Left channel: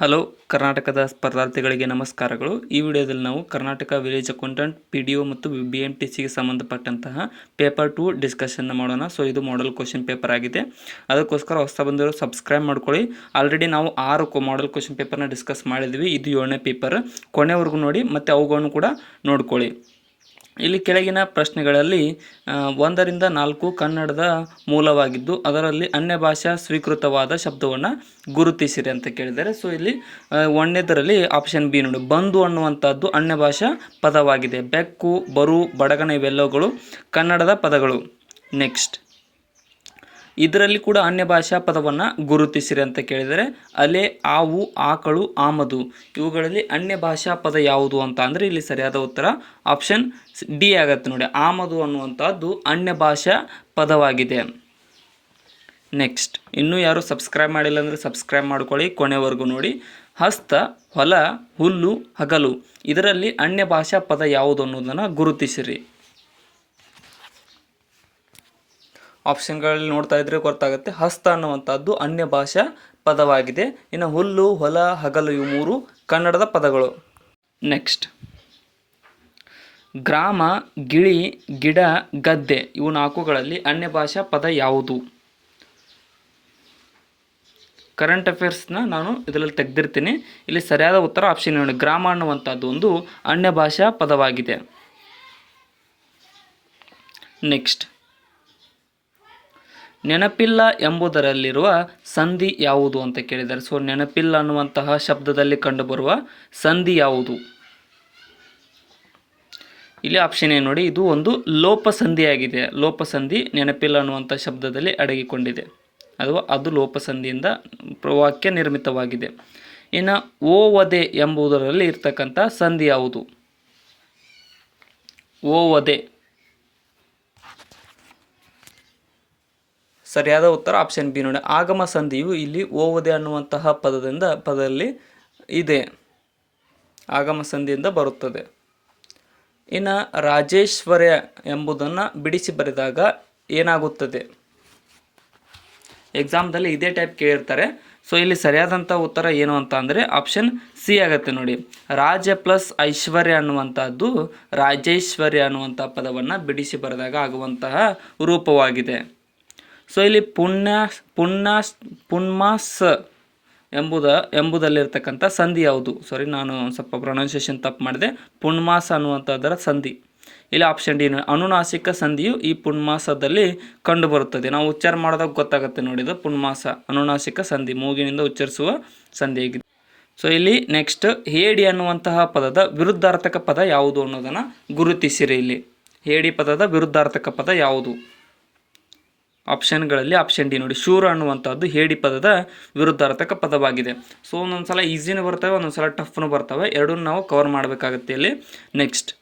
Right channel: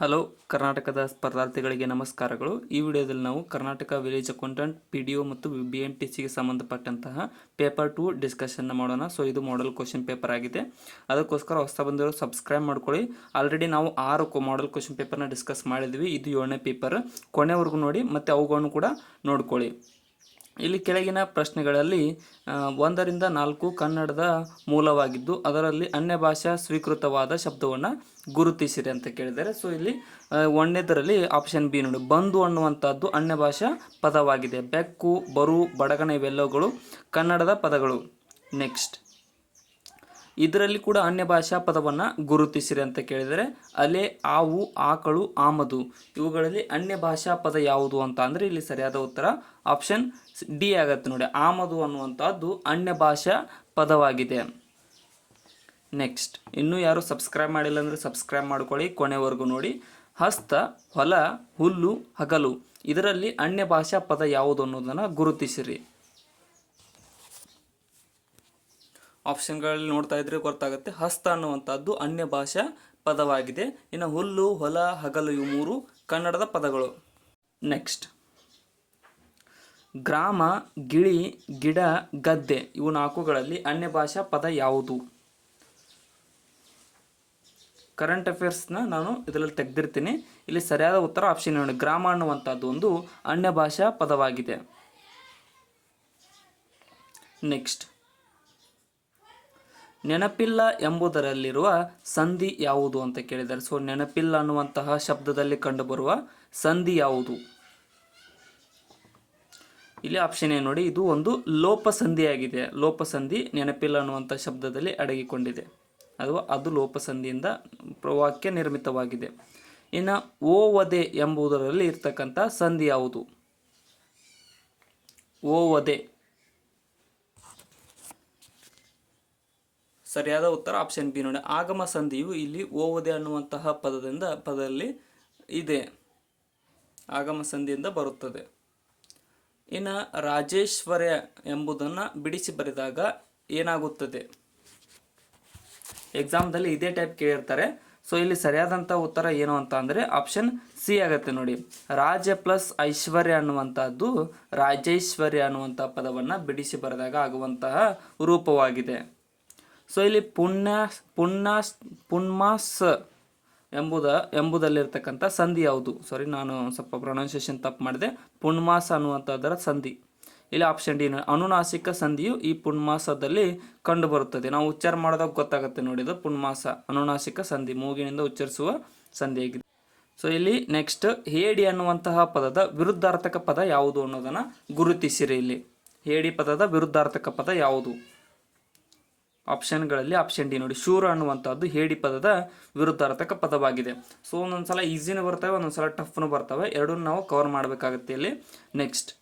Hello ಕರ್ನಾಟಕದ ಸ್ಪರ್ಧಾರ್ಥಿಗಳಿಗೆ ನಮಸ್ಕಾರಗಳು. ಈ ವಿಡಿಯೋದಲ್ಲಿ ನಾವು ಕರ್ನಾಟಕ ವಿಲೇಜ್ ಅಕೌಂಟೆಂಟ್ PDO ಮತ್ತು BMTCಗೆ ಸಂಬಂಧಪಟ್ಟಂತಹ ಪೇಪರ್ 2 ಡಿಸ್ಕಷನ್ನ ಮಾಡೋಣ. ಸೊ ಇದು ಮಾಡೆಲ್ ಕ್ವಶನ್ ಪೇಪರ್ ಆಗಿದೆ. ಅದಕ್ಕೋಸ್ಕರ ಹೊಸ ಬಂದಿರೋ ಸಬ್ಸ್ಕ್ರೈಬ್ ಮಾಡ್ಕೊಳ್ಳಿ. ಆಲ್ರೆಡಿ ನಾವು 6 ಮಾಡೆಲ್ ಕ್ವಶನ್ ಪೇಪರ್ನ ಡಿಸ್ಕಸ್ ಮಾಡಿದ್ವಿ. ಇದು 7ನೇ ಪೇಪರ್. ಕೊನೆವರೆಗೂ ನೋಡಿ ಮತ್ತು ಅವುಗಳನ್ನು ಕೂಡ ನೋಡ್ಕೊಳ್ಳಿ. ಇಲ್ಲಿ ಕೆಳಗಿನ ಪ್ರಶ್ನೆಗಳಲ್ಲಿ 1ರಿಂದ 4 ಕನ್ನಡದ ಮೂಲವಾಗಿದ್ದು ಅದರಲ್ಲಿ ಅನ್ಯ ಭಾಷಾ ಸ್ವೀಕೃತವಾದ ಶಬ್ದವನ್ನು ಗುರುತಿಸಿರಿ ಅಂತ ಕೇಳಿದ್ದಾರೆ. ಸೊ ಇಲ್ಲಿ 1ನೇದರಲ್ಲಿ ಆಪ್ಷನ್ ಬಿ ನೋಡಿ, ಬಂದು ಅನ್ನುವಂಥದ್ದು ಅನ್ಯ ಭಾಷಾ ಪದವಾಗಿದೆ. ಬೆಕ್ಕು, ಬರು, ಬಡಗನ ಇವೆಲ್ಲವುಗಳು ಕನ್ನಡದ ಪದಗಳು. ನೆಕ್ಸ್ಟ್, ಇದರಲ್ಲಿ ಕೂಡ ಅನ್ಯ ಭಾಷಾ ಪದವನ್ನು ಗುರುತಿಸಿರಿ ಅಂತ ಕೇಳಿದರೆ ಅಲೆ, ಆವು, ಆಕಳು, ಆಮದು ಇವುಗಳಲ್ಲಿ ಅನ್ಯ ಭಾಷಾ ಪದ ಯಾವುದು ಅಂತ ಅಂದರೆ ಇಲ್ಲಿ ಸರಿಯಾದ ಉತ್ತರ ಆಪ್ಷನ್ ಡಿ ಆಗುತ್ತೆ ನೋಡಿ. ಆಮದು ಅನ್ನುವಂಥದ್ದು ಅನ್ಯ ಭಾಷಾ ಪದವಾಗಿದೆ. ನೆಕ್ಸ್ಟ್, ಇನ್ನೂ ಯಾರು ಸಬ್ಸ್ಕ್ರೈಬ್ ಮಾಡಿಲ್ಲ ಅಂದರೆ ಸಬ್ಸ್ಕ್ರೈಬ್ ಮಾಡ್ಕೊಳ್ಳಿ, ಕೊನೆವರೆಗೂ ನೋಡಿ. ಹಸ್ತ, ಹೊಲ, ಹುಲ್ಲು, ಹಗಲು ಇದರಲ್ಲಿ ಅನ್ಯ ಭಾಷಾ ಪದ ಯಾವುದು ಅನ್ನೋದನ್ನು ಗುರುತಿಸಿರಿ. ಆಪ್ಷನ್ಗಳಲ್ಲಿ ನೋಡ್ತಾ ಇದ್ರೆ ಗೊತ್ತಾಗುತ್ತೆ. ಹಸ್ತ ಅನ್ನುವಂಥದ್ದು ಅನ್ಯ ಭಾಷಾ ಪದವಾಗಿದೆ. ಇನ್ನು ಹುಲ್ಲು, ಹೊಲ, ಹಗಲು ಇವು 3 ಕನ್ನಡದ ಪದಗಳು. ನೆಕ್ಸ್ಟ್, ಗ್ರಾಮ, ಗಿಳಿ, ಗಿಡ, ಗದ್ದೆ ಇವು 4ಗಳಲ್ಲಿ ಅನ್ಯ ಭಾಷಾ ಪದ ಯಾವುದು? ಕರೆಂಟ್ ಅಫೇರ್ಸ್ನ ನಾನು ಇದರಲ್ಲಿ ತೆಗೆದಿರ್ತೀನಿ. ಇಲ್ಲಿ ಸರಿಯಾದ ಉತ್ತರ ಆಪ್ಷನ್ ನೋಡಿ, ಗ್ರಾಮ ಅನ್ನುವಂಥದ್ದು ಒಂದು ಅನ್ಯ ಭಾಷಾ ಪದವಾಗಿದೆ. ನೆಕ್ಸ್ಟ್, ನೆನಪಿಲ್ಲ ಎಂಬುದರಲ್ಲಿರುವ ಸಂಧಿ ಯಾವುದು ಅಂತ ಕೇಳಿದ್ದಾರೆ. ಸೊ ನೆನಪಿಲ್ಲ ಅನ್ನುವಂತಹ ಶಬ್ದದಲ್ಲಿ ಕಂಡುಬರುವ ಸಂಧಿ ಯಾವುದು? ಇಲ್ಲಿ ಆಪ್ಷನ್ ಏನು ನೋಡಿ, ಇದು ಒಂದು ಲೋಪಸಂಧಿಯಾಗಿದೆ. ಲೋಪಸಂಧಿ ನೆನಪಿಲ್ಲ ಅನ್ನುವಂಥ ಶಬ್ದದಲ್ಲಿ ಅಡಗಿಕೊಂಡಿದೆ, ಅದು ಲೋಪಸಂಧಿಯಿಂದ ವಾಕ್ಯ ನಿರ್ಮಿತವಾಗಿದೆ. ಇನ್ನು ಓವದೆ ಎಂಬುದರಲ್ಲಿ ಇರ್ತಕ್ಕಂಥ ಸಂಧಿ ಯಾವುದು? ಓವದೆ ಸರಿಯಾದ ಉತ್ತರ ಆಪ್ಷನ್ ಬಿ ನೋಡಿ, ಆಗಮ ಸಂಧಿಯು ಇಲ್ಲಿ ಓವದೆ ಅನ್ನುವಂತಹ ಪದದಲ್ಲಿ ಇದೆ, ಆಗಮ ಸಂಧಿಯಿಂದ ಬರುತ್ತದೆ. ಇನ್ನು ರಾಜೇಶ್ವರ್ಯ ಎಂಬುದನ್ನು ಬಿಡಿಸಿ ಬರೆದಾಗ ಏನಾಗುತ್ತದೆ? ಎಕ್ಸಾಮ್ದಲ್ಲಿ ಇದೇ ಟೈಪ್ ಕೇಳಿರ್ತಾರೆ. ಸೊ ಇಲ್ಲಿ ಸರಿಯಾದಂಥ ಉತ್ತರ ಏನು ಅಂತ ಅಂದರೆ ಆಪ್ಷನ್ ಸಿ ಆಗುತ್ತೆ ನೋಡಿ. ರಾಜ ಪ್ಲಸ್ ಐಶ್ವರ್ಯ ಅನ್ನುವಂಥದ್ದು ರಾಜೇಶ್ವರ್ಯ ಅನ್ನುವಂಥ ಪದವನ್ನು ಬಿಡಿಸಿ ಬರೆದಾಗ ಆಗುವಂತಹ ರೂಪವಾಗಿದೆ. ಸೊ ಇಲ್ಲಿ ಪುಣ್ಮಾಸ್ ಎಂಬುದಲ್ಲಿರ್ತಕ್ಕಂಥ ಸಂಧಿ ಯಾವುದು? ಸಾರಿ, ನಾನು ಸ್ವಲ್ಪ ಪ್ರೊನೌನ್ಸಿಯೇಷನ್ ತಪ್ಪು ಮಾಡಿದೆ. ಪುಣ್ಮಾಸ ಅನ್ನುವಂಥದ್ದರ ಸಂಧಿ ಇಲ್ಲಿ ಆಪ್ಷನ್ ಡಿ. ಅನುನಾಸಿಕ ಸಂಧಿಯು ಈ ಪುಣ್ಮಾಸದಲ್ಲಿ ಕಂಡುಬರುತ್ತದೆ. ನಾವು ಉಚ್ಚಾರ ಮಾಡಿದಾಗ ಗೊತ್ತಾಗುತ್ತೆ ನೋಡಿ, ಇದು ಪುಣ್ಮಾಸ ಅನುನಾಸಿಕ ಸಂಧಿ, ಮೂಗಿನಿಂದ ಉಚ್ಚರಿಸುವ ಸಂಧಿಯಾಗಿದೆ. ಸೊ ಇಲ್ಲಿ ನೆಕ್ಸ್ಟ್, ಹೇಡಿ ಅನ್ನುವಂತಹ ಪದದ ವಿರುದ್ಧಾರ್ಥಕ ಪದ ಯಾವುದು ಅನ್ನೋದನ್ನು ಗುರುತಿಸಿರಿ. ಇಲ್ಲಿ ಹೇಡಿ ಪದದ ವಿರುದ್ಧಾರ್ಥಕ ಪದ ಯಾವುದು? ಆಪ್ಷನ್ಗಳಲ್ಲಿ ಆಪ್ಷನ್ ಡಿ ನೋಡಿ, ಶೂರ ಅನ್ನುವಂಥದ್ದು ಹೇಡಿ ಪದದ ವಿರುದ್ಧಾರ್ಥಕ ಪದವಾಗಿದೆ. ಸೊ ಒಂದೊಂದ್ಸಲ ಈಸಿನೂ ಬರ್ತವೆ, ಒಂದೊಂದ್ಸಲ ಟಫ್ನು ಬರ್ತವೆ, ಎರಡನ್ನೂ ನಾವು ಕವರ್ ಮಾಡಬೇಕಾಗುತ್ತೆ ಇಲ್ಲಿ. ನೆಕ್ಸ್ಟ್,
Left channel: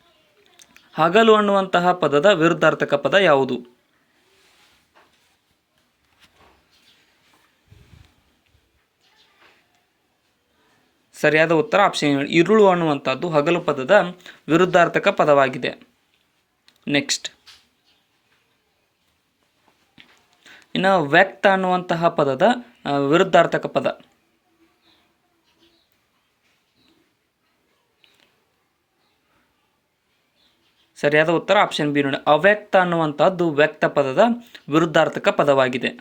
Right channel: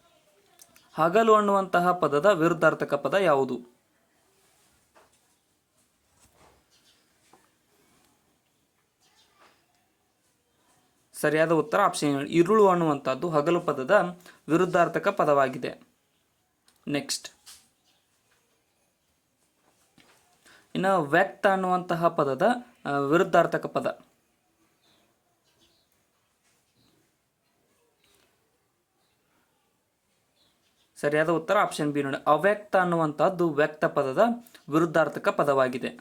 ಹಗಲು ಅನ್ನುವಂತಹ ಪದದ ವಿರುದ್ಧಾರ್ಥಕ ಪದ ಯಾವುದು? ಸರಿಯಾದ ಉತ್ತರ ಆಪ್ಷನ್ ಇರುಳು ಅನ್ನುವಂಥದ್ದು ಹಗಲು ಪದದ ವಿರುದ್ಧಾರ್ಥಕ ಪದವಾಗಿದೆ. ನೆಕ್ಸ್ಟ್, ಇನ್ನು ವ್ಯಕ್ತ ಅನ್ನುವಂತಹ ಪದದ ವಿರುದ್ಧಾರ್ಥಕ ಪದ? ಸರಿಯಾದ ಉತ್ತರ ಆಪ್ಷನ್ ಬಿ ನೋಡಿ, ಅವ್ಯಕ್ತ ಅನ್ನುವಂಥದ್ದು ವ್ಯಕ್ತ ಪದದ ವಿರುದ್ಧಾರ್ಥಕ ಪದವಾಗಿದೆ.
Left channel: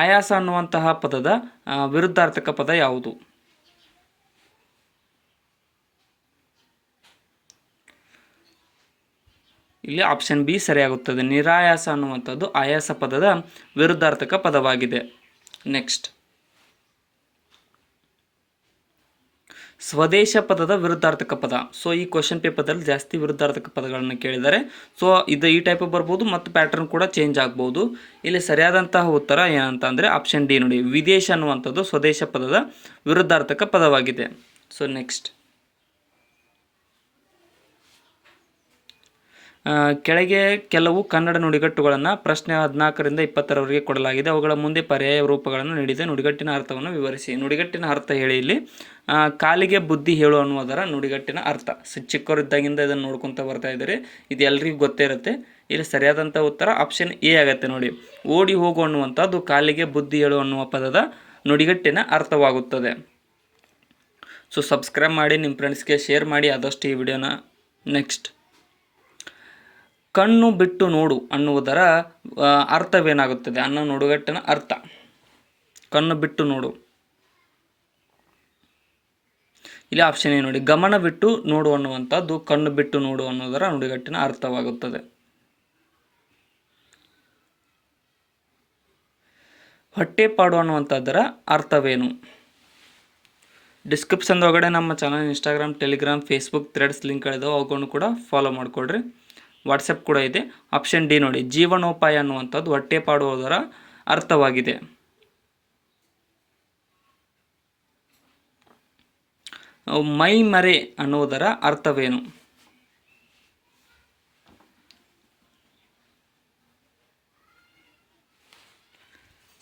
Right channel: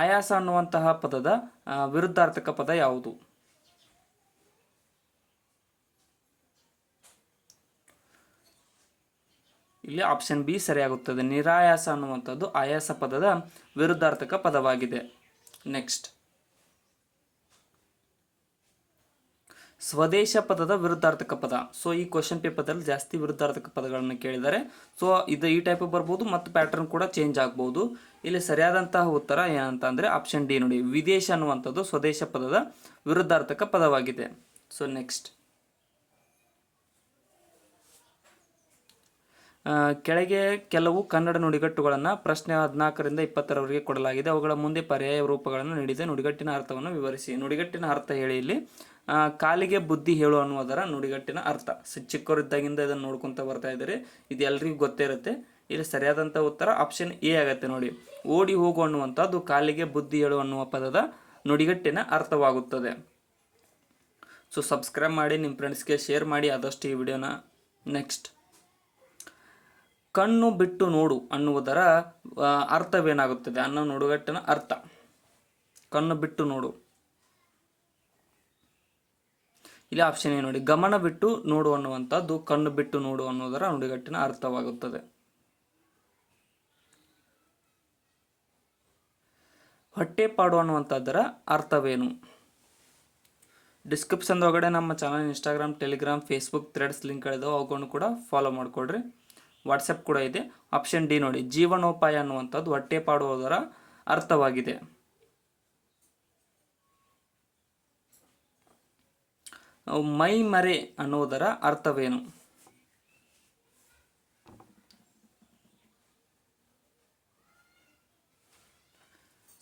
ಆಯಾಸ ಅನ್ನುವಂತಹ ಪದದ ವಿರುದ್ಧಾರ್ಥಕ ಪದ ಯಾವುದು? ಇಲ್ಲಿ ಆಪ್ಷನ್ ಬಿ ಸರಿಯಾಗುತ್ತದೆ. ನಿರಾಯಾಸ ಅನ್ನುವಂಥದ್ದು ಆಯಾಸ ಪದದ ವಿರುದ್ಧಾರ್ಥಕ ಪದವಾಗಿದೆ. ನೆಕ್ಸ್ಟ್, ಸ್ವದೇಶ ಪದದ ವಿರುದ್ಧಾರ್ಥಕ ಪದ. ಸೊ ಈ ಕ್ವಶನ್ ಪೇಪರ್ದಲ್ಲಿ ಜಾಸ್ತಿ ವಿರುದ್ಧಾರ್ಥಕ ಪದಗಳನ್ನು ಕೇಳಿದ್ದಾರೆ. ಸೊ ಈ ಟೈಪ್ ಬರ್ಬೋದು ಮತ್ತು ಪ್ಯಾಟರ್ನ್ ಕೂಡ ಚೇಂಜ್ ಆಗ್ಬೋದು. ಇಲ್ಲಿ ಸರಿಯಾದಂತಹ ಉತ್ತರ ಏನಂತ ಅಂದರೆ ಆಪ್ಷನ್ ಡಿ ನೋಡಿ, ವಿದೇಶ ಅನ್ನುವಂಥದ್ದು ಸ್ವದೇಶ ಪದದ ವಿರುದ್ಧಾರ್ಥಕ ಪದವಾಗಿದೆ. ಸೊ ನೆಕ್ಸ್ಟ್, ಕೆಳಗೆ ಕೆಲವು ಕನ್ನಡ ನುಡಿಗಟ್ಟುಗಳನ್ನು ಪ್ರಶ್ನೆ 14ರಿಂದ 20ರವರೆಗೆ ಕೊಡಲಾಗಿದೆ. ಅವುಗಳ ಮುಂದೆ ಪರ್ಯಾಯ ರೂಪಗಳನ್ನು ನೀಡಿದೆ. ನುಡಿಗಟ್ಟಿನ ಅರ್ಥವನ್ನು ವಿವರಿಸಿ. ನುಡಿಗಟ್ಟಿನ ಅರ್ಥ ಹೇಳಿ. ಇಲ್ಲಿ ಕಾಲಿಗೆ ಬುದ್ಧಿ ಹೇಳು ಅನ್ನುವುದರ ನುಡಿಗಟ್ಟಿನ ಅರ್ಥ. ಚಿಕ್ಕವರಿದ್ದಾಗಿಂದ ಇದನ್ನು ನೋಡ್ಕೊತ ಬರ್ತಾ ಇದ್ದಾರೆ, ಇದು ಎಲ್ರಿಗೂ ಗೊತ್ತೇ ಇರುತ್ತೆ. ಇಲ್ಲಿ ಸರಿಯಾದಂಥ ಉತ್ತರ ಆಪ್ಷನ್ ಎ ಆಗುತ್ತೆ ನೋಡಿ. ಓಡಿ ಹೋಗು ಅನ್ನುವಂಥದ್ದು ಕಾಲಿಗೆ ಬುದ್ಧಿ ಹೇಳು ಅನ್ನುವ ಪದದ ನುಡಿಗಟ್ಟಿನ ಅರ್ಥವಾಗುತ್ತದೆ. ಸೊ ಸಬ್ಸ್ಕ್ರೈಬ್ ಮಾಡಿ, ನಿಮ್ಮ ಫ್ರೆಂಡ್ಸ್ಗೆ ಶೇರ್ ಮಾಡಿ ಆದಷ್ಟು ಈ ವಿಡಿಯೋನ. ನೆಕ್ಸ್ಟ್, ಕಣ್ಣು ಬಿಟ್ಟು ನೋಡು ಅನ್ನುವುದರ ಅರ್ಥವೇನಾಗುತ್ತದೆ ಅನ್ನೋ ನುಡಿಗಟ್ಟಿನ ಅರ್ಥ. ಕಣ್ಣು ಬಿಟ್ಟು ನೋಡು, ಇಲ್ಲಿ ಆಪ್ಷನ್ ಎ ನೋಡಿ. ಗಮನ ಬಿಟ್ಟು ನೋಡು ಅನ್ನುವಂಥದ್ದು ಕಣ್ಣು ಬಿಟ್ಟು ನೋಡು ಅನ್ನೋದರ ನುಡಿಗಟ್ಟಿನ ಅರ್ಥವಾಗುತ್ತದೆ. ಹೊಟ್ಟೆಪಾಡು ಅನ್ನುವಂಥದ್ದರ ಅರ್ಥವೇನು? ಡಿಸ್ಕ್ರಿಪ್ಷನ್ ಒಳಗಡೆ ನಮ್ಮ channel Instagram, Telegram, Facebook, Threads ಲಿಂಕ್ಗಳಿದಾವೆ, ಅವುಗಳನ್ನು ಕೂಡ ಫಾಲೋ ಮಾಡಿಕೊಡ್ರಿ. ವಾಟ್ಸಪ್ ಕೂಡ ಇದೆ. ಆಪ್ಷನ್ ಡಿ ನೋಡಿ. ಜೀವನೋಪಾಯ ಅನ್ನುವಂಥದ್ದು ಹೊಟ್ಟೆಪಾಡುವುದರ ಅರ್ಥವಾಗಿದೆ. ಮೈ ಮರೆ ಅನ್ನುವುದರ ಅರ್ಥವೇನು?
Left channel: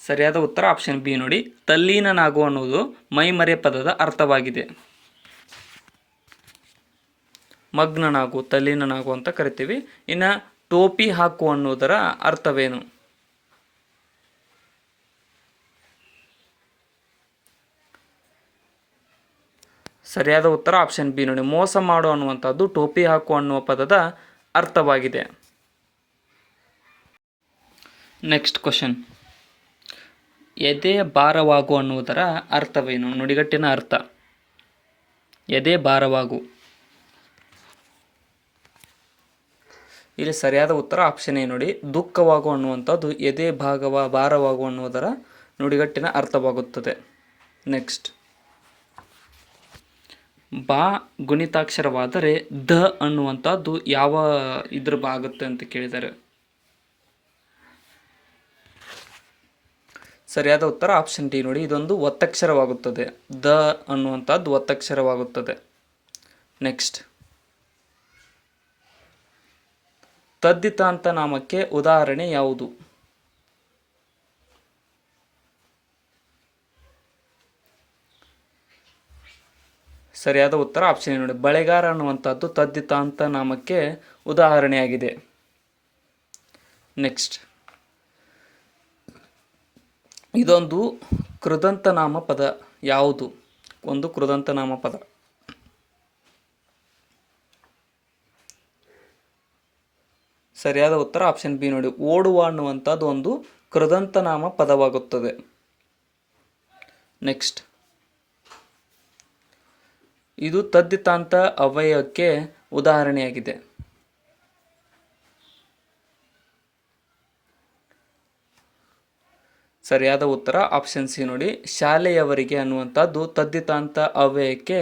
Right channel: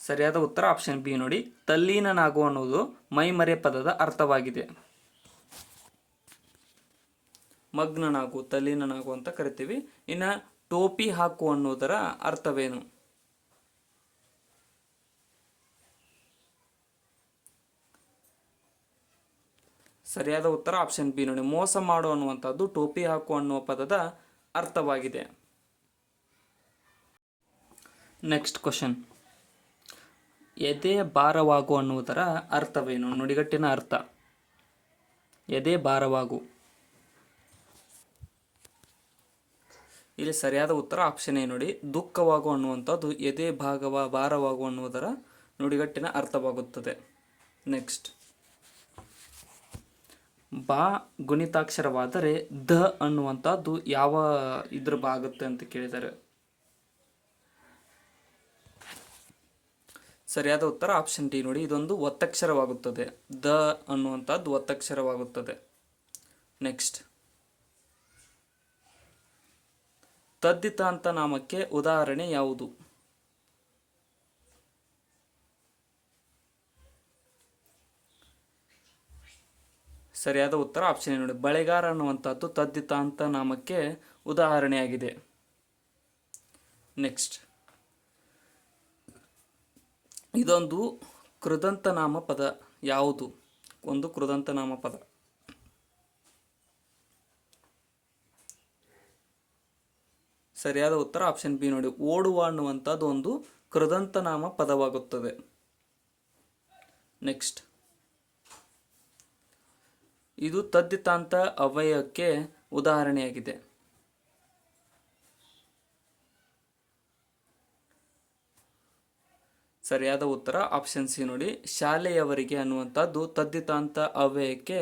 ಸರಿಯಾದ ಉತ್ತರ ಆಪ್ಷನ್ ಬಿ ನೋಡಿ. ತಲ್ಲೀನನಾಗು ಅನ್ನುವುದು ಮೈಮರೆ ಪದದ ಅರ್ಥವಾಗಿದೆ. ಮಗ್ನನಾಗು, ತಲ್ಲೀನನಾಗು ಅಂತ ಕರಿತೀವಿ. ಇನ್ನು ಟೋಪಿ ಹಾಕು ಅನ್ನುವುದರ ಅರ್ಥವೇನು? ಸರಿಯಾದ ಉತ್ತರ ಆಪ್ಷನ್ ಬಿ ನೋಡಿ. ಮೋಸ ಮಾಡು ಅನ್ನುವಂಥದ್ದು ಟೋಪಿ ಹಾಕು ಅನ್ನುವ ಪದದ ಅರ್ಥವಾಗಿದೆ. Next question. ಎದೆ ಭಾರವಾಗು ಅನ್ನುವುದರ ಅರ್ಥವೇನು? ನುಡಿಗಟ್ಟಿನ ಅರ್ಥ. ಎದೆ ಭಾರವಾಗು. ಇಲ್ಲಿ ಸರಿಯಾದ ಉತ್ತರ ಆಪ್ಷನ್ ಎ ನೋಡಿ. ದುಃಖವಾಗು ಅನ್ನುವಂಥದ್ದು ಎದೆ ಭಾರವಾಗು ಅನ್ನುವುದರ ನುಡಿಗಟ್ಟಿನ ಅರ್ಥವಾಗುತ್ತದೆ. ನೆಕ್ಸ್ಟ್, ಬಾ ಗುಣಿತಾಕ್ಷರವಾದರೆ ದ ಅನ್ನುವಂಥದ್ದು ಯಾವ ಇದ್ರ ಆಗುತ್ತೆ ಅಂತ ಕೇಳಿದ್ದಾರೆ. ಸರಿಯಾದ ಉತ್ತರ ಆಪ್ಷನ್ ಡಿ ನೋಡಿ. ಇದೊಂದು ಒತ್ತಕ್ಷರವಾಗುತ್ತದೆ. ದ ಅನ್ನುವಂಥದ್ದು ಒತ್ತಕ್ಷರವಾಗುತ್ತದೆ. ನೆಕ್ಸ್ಟ್, ತದ್ದಿತಾಂತ ನಾಮಕ್ಕೆ ಉದಾಹರಣೆ ಯಾವುದು? ಸರಿಯಾದ ಉತ್ತರ ಆಪ್ಷನ್ ನೋಡಿ. ಬಳೆಗಾರ ಅನ್ನುವಂಥದ್ದು ತದ್ದಿತಾಂತ ನಾಮಕ್ಕೆ ಉದಾಹರಣೆಯಾಗಿದೆ. ನೆಕ್ಸ್ಟ್, ಇದೊಂದು ಕೃದಂತನಾಮ ಪದ ಯಾವುದು? ಒಂದು ಕೃದಂತನಾಮ ಪದ. ಸರಿಯಾದ ಉತ್ತರ ಆಪ್ಷನ್ ಬಿ ನೋಡಿ. ಓಡುವ ಅನ್ನುವಂಥದ್ದು ಒಂದು ಕೃದಂತನಾಮ ಪದವಾಗುತ್ತದೆ. ನೆಕ್ಸ್ಟ್, ಇದು ತದ್ದಿತಾಂತ ಅವ್ಯಯಕ್ಕೆ ಉದಾಹರಣೆಯಾಗಿದೆ. ಸರಿಯಾದ ಉತ್ತರ ಆಪ್ಷನ್ ಸಿ ನೋಡಿ. ಶಾಲೆಯವರಿಗೆ ಅನ್ನುವಂಥದ್ದು ತದ್ದಿತಾಂತ ಅವ್ಯಯಕ್ಕೆ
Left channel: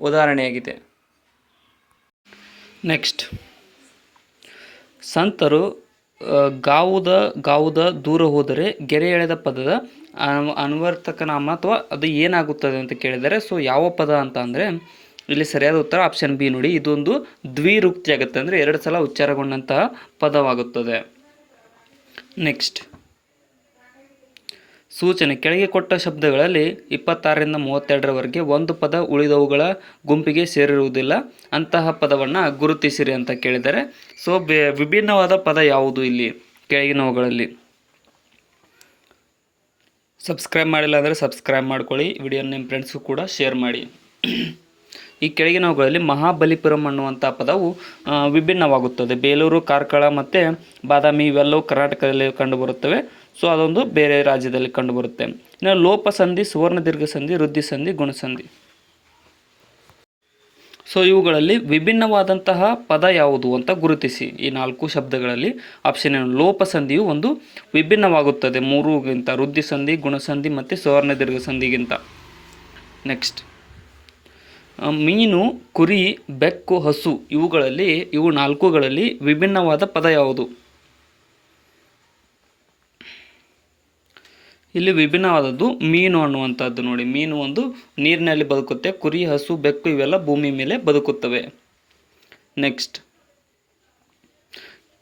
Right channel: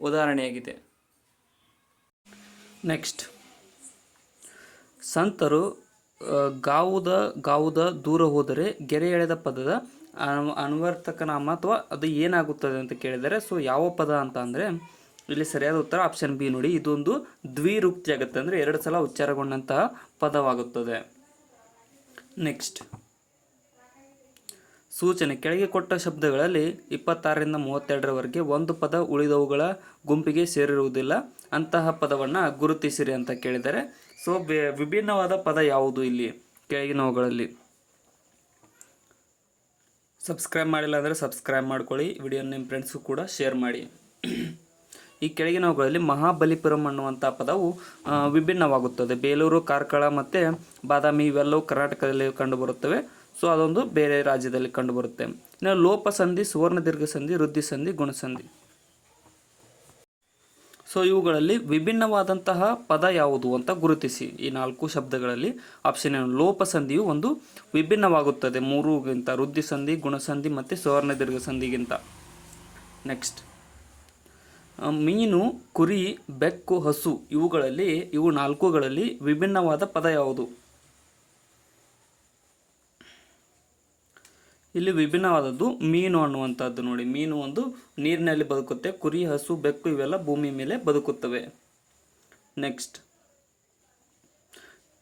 ಉದಾಹರಣೆಯಾಗಿದೆ. ನೆಕ್ಸ್ಟ್, ಸಂತರು ಗಾವುದ ದೂರ ಹೋದರೆ ಗೆರೆ ಎಳೆದ ಪದದ ಅನ್ವರ್ಥಕ ನಾಮ ಅಥವಾ ಅದು ಏನಾಗುತ್ತದೆ ಅಂತ ಕೇಳಿದರೆ, ಸೊ ಯಾವ ಪದ ಅಂತ ಅಂದರೆ ಇಲ್ಲಿ ಸರಿಯಾದ ಉತ್ತರ ಆಪ್ಷನ್ ಬಿ ನೋಡಿ. ಇದೊಂದು ದ್ವಿರುಕ್ತಿ ಆಗುತ್ತೆ, ಅಂದರೆ 2 ಸಲ ಉಚ್ಚಾರಗೊಂಡಂತಹ ಪದವಾಗುತ್ತದೆ. ನೆಕ್ಸ್ಟ್, ಸೂಚನೆ. ಕೆಳಗೆ ಕೊಟ್ಟ ಶಬ್ದಗಳಲ್ಲಿ 26ರಿಂದ 32ರವರೆಗೆ ಒಂದು ಪದ ಉಳಿದವುಗಳ ಗುಂಪಿಗೆ ಸೇರಿರುವುದಿಲ್ಲ. ಅಂತಹ ಪದವನ್ನು ಗುರುತಿಸಿರಿ ಅಂತ ಕೇಳಿದರೆ, ಸೊ ವಿಭಿನ್ನವಾದ ಪದ ಯಾವುದು ಇಲ್ಲಿ ಕೆಳಗಿನವುಗಳಲ್ಲಿ? ಸಬ್ಸ್ಕ್ರೈಬ್ ಮಾಡಿಲ್ಲ ಅಂದರೆ ಸಬ್ಸ್ಕ್ರೈಬ್ ಮಾಡ್ಕೊಳ್ಳಿ. ವಿಡಿಯೋ ನಿಮ್ಮ ಫ್ರೆಂಡ್ಸ್ಗೂ ಕೂಡ ಶೇರ್ ಮಾಡಿ. ಈ ಕೆಳಗಿನವುಗಳಲ್ಲಿ ಮಹಾಬಲಿಪುರಂ ಅನ್ನುವಂಥ ಪದವು ವಿಭಿನ್ನವಾಗುತ್ತದೆ. ಬೇಲೂರು, ಕಾರ್ಕಳ ಮತ್ತು ಬಾದಾಮಿ ಇವೆಲ್ಲವೂ ಕರ್ನಾಟಕದಲ್ಲಿ ಕಂಡುಬರುತ್ತವೆ. ಸೊ ಅದೊಂದು ಬೇರೆ ರಾಜ್ಯದಲ್ಲಿ ಕಂಡುಬರುತ್ತೆ. ಇನ್ನು ಲೋಪಸಂಧಿ, ಸುವರ್ಣ ದೀರ್ಘ ಸಂಧಿ, ವೃದ್ಧಿ ಸಂಧಿ, ಗುಣಸಂಧಿ. ಸೊ ಇವುಗಳಲ್ಲಿ ವಿಭಿನ್ನವಾದಂತಹ ಪದ ಯಾವುದು ಅಂತ ಗುರುತಿಸಿ. ಈ 4 ಶಬ್ದಗಳಲ್ಲಿ ಆಪ್ಷನ್ ಏನು? ಲೋಪಸಂಧಿಯು ಒಂದು ವಿಭಿನ್ನವಾಗುತ್ತದೆ 3ಗಿಂತ, ವೃದ್ಧಿ ಸಂಧಿ, ಗುಣಸಂಧಿ ಮತ್ತು ಸುವರ್ಣ ದೀರ್ಘ ಸಂಧಿಗಿಂತ. ನೆಕ್ಸ್ಟ್, ಮೀನು, ಕುರಿ, ಬೆಕ್ಕು, ಹಸು ಇವು 4ಗಳಲ್ಲಿ ವಿಭಿನ್ನವಾದ ಪದ ಯಾವುದು? ಇಲ್ಲಿ ವಿಭಿನ್ನವಾದದ್ದು ಮೀನು ಅನ್ನುವಂಥದ್ದು ನೋಡಿ. ಮೀನು ಒಂದು ನೀರಿನಲ್ಲಿ ಬದುಕುತ್ತೆ. ಕುರಿ, ಹಸು, ಬೆಕ್ಕು ಇವೆಲ್ಲ ಭೂಮಿ ಮೇಲೆ ಬದುಕುತ್ತವೆ. ನೆಕ್ಸ್ಟ್,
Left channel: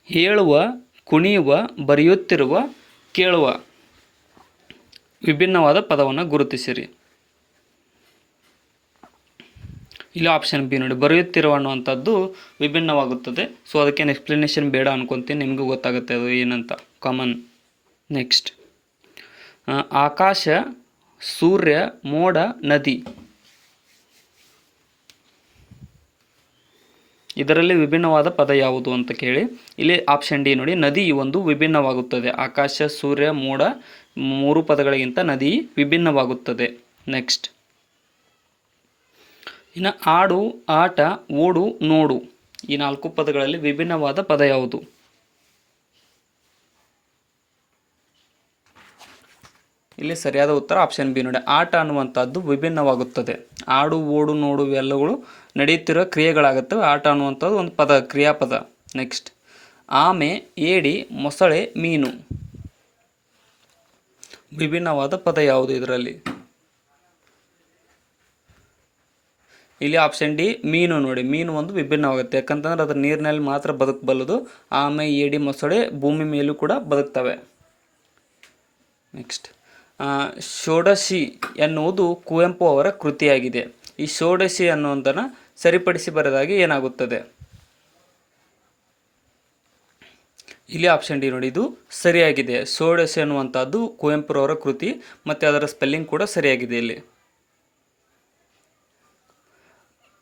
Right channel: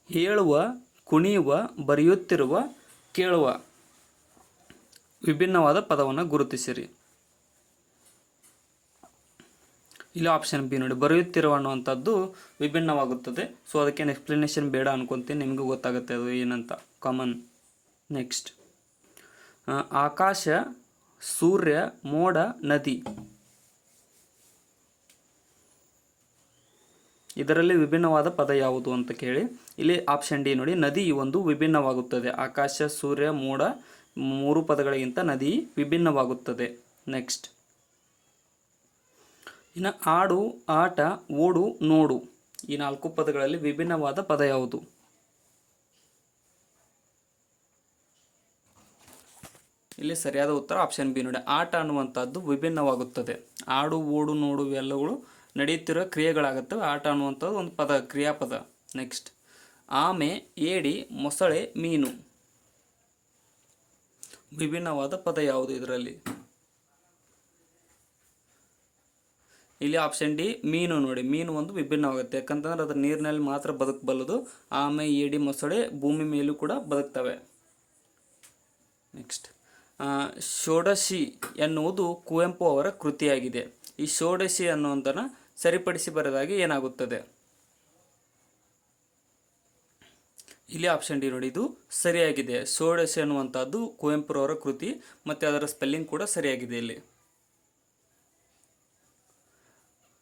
ಹೇಳುವ, ಕುಣಿಯುವ, ಬರೆಯುತ್ತಿರುವ, ಕೇಳುವ ವಿಭಿನ್ನವಾದ ಪದವನ್ನು ಗುರುತಿಸಿರಿ. ಇಲ್ಲಿ ಆಪ್ಷನ್ ಬಿ ನೋಡಿ, ಬರೆಯುತ್ತಿರುವ ಅನ್ನುವಂಥದ್ದು ವಿಭಿನ್ನವಾಗುತ್ತದೆ. ಸೊ ಅದಕ್ಕೇನು ಎಕ್ಸ್ಪ್ಲನೇಷನ್ ಬೇಡ ಅನ್ಕೊತೀನಿ, ನಿಮಗೂ ಗೊತ್ತಾಗುತ್ತೆ ಅದು ಏನಂತ ಕಾಮನ್. ನೆಕ್ಸ್ಟ್, ಆಕಾಶ, ಸೂರ್ಯ, ಮೋಡ, ನದಿ, ಇದರಲ್ಲಿ ವಿಭಿನ್ನವಾದ ಪದ ಯಾವುದು ಅಂತ ಕೇಳಿ ಇಲ್ಲಿ ಆಪ್ಷನ್ ಡಿ ನೋಡಿ, ನದಿ ಒಂದು ವಿಭಿನ್ನವಾಗುತ್ತದೆ. ಆಕಾಶ, ಸೂರ್ಯ, ಮೋಡ 3 ಪದಗಳಿಗಿಂತ ನದಿ ವಿಭಿನ್ನವಾಗುತ್ತದೆ. ನೆಕ್ಸ್ಟ್, ಇನ್ನು ಆಡು, ಆಟ, ಓಡು, ನೋಡು ಈ 4 ಪದಗಳಲ್ಲಿ ವಿಭಿನ್ನವಾದ ಪದ ಯಾವುದು? ಇಲ್ಲಿ ಸರಿಯಾದ ಉತ್ತರ ಆಪ್ಷನ್ ಬಿ ನೋಡಿ, ಆಟ ಅನ್ನುವಂಥದ್ದು ವಿಭಿನ್ನವಾಗುತ್ತದೆ. ಆಡು, ಓಡು, ನೋಡು ಇವೆಲ್ಲಗಳು ನಡೆಯುತ್ತಿರುವ ಕ್ರಿಯೆಗಳಾಗುತ್ತವೆ. ಆಟ ಅನ್ನುವಂಥದ್ದು ಒಂದು ಪದ, ಕ್ರಿಯಾಪದ. ನೆಕ್ಸ್ಟ್, ಆಮೆ, ಏಡಿ, ಮೊಸಳೆ, ಮೀನು ವಿಭಿನ್ನವಾದ ಪದ ಯಾವುದು ಇದರಲ್ಲಿ? ಇಲ್ಲಿ ಆಪ್ಷನ್ ಡಿ ಮೀನು ನೋಡಿ, ಮೀನು ಒಂದು ವಿಭಿನ್ನವಾಗುತ್ತೆ. ಯಾಕಂತಂದ್ರೆ ಅದರ ನೀರಿನಲ್ಲಿ ಮಾತ್ರ ಬದುಕಬಲ್ಲದು. ಆಮೆ, ಏಡಿ, ಮೊಸಳೆ ಭೂಮಿ ಮೇಲೂ ಕೂಡ ಬದುಕ್ತವೆ. ನೆಕ್ಸ್ಟ್, ಷೋಡಶಿ ಎನ್ನುವುದು ಕುವೆಂಪು ಅವರ ಕೃತಿಯಾಗಿದೆ. ಈ ಷೋಡಶಿ ಅನ್ನುವುದನ್ನು ಸರಿಪಡಿಸಿ ಬರೆದಾಗ ಏನಾಗುತ್ತದೆ? ಇಲ್ಲಿ ಆಪ್ಷನ್ ಡಿ ನೋಡಿ, ಇದು ಸರಿಯಾಗಿದೆ. ಷೋಡಶಿ ಅನ್ನುವಂಥದ್ದು ಕುವೆಂಪುರವರ ಕೃತಿ ಮತ್ತು ಅದರ ಸ್ಪೆಲ್ಲಿಂಗ್ ಕೂಡ ಸರಿಯಾಗಿದೆ. ಇಲ್ಲಿ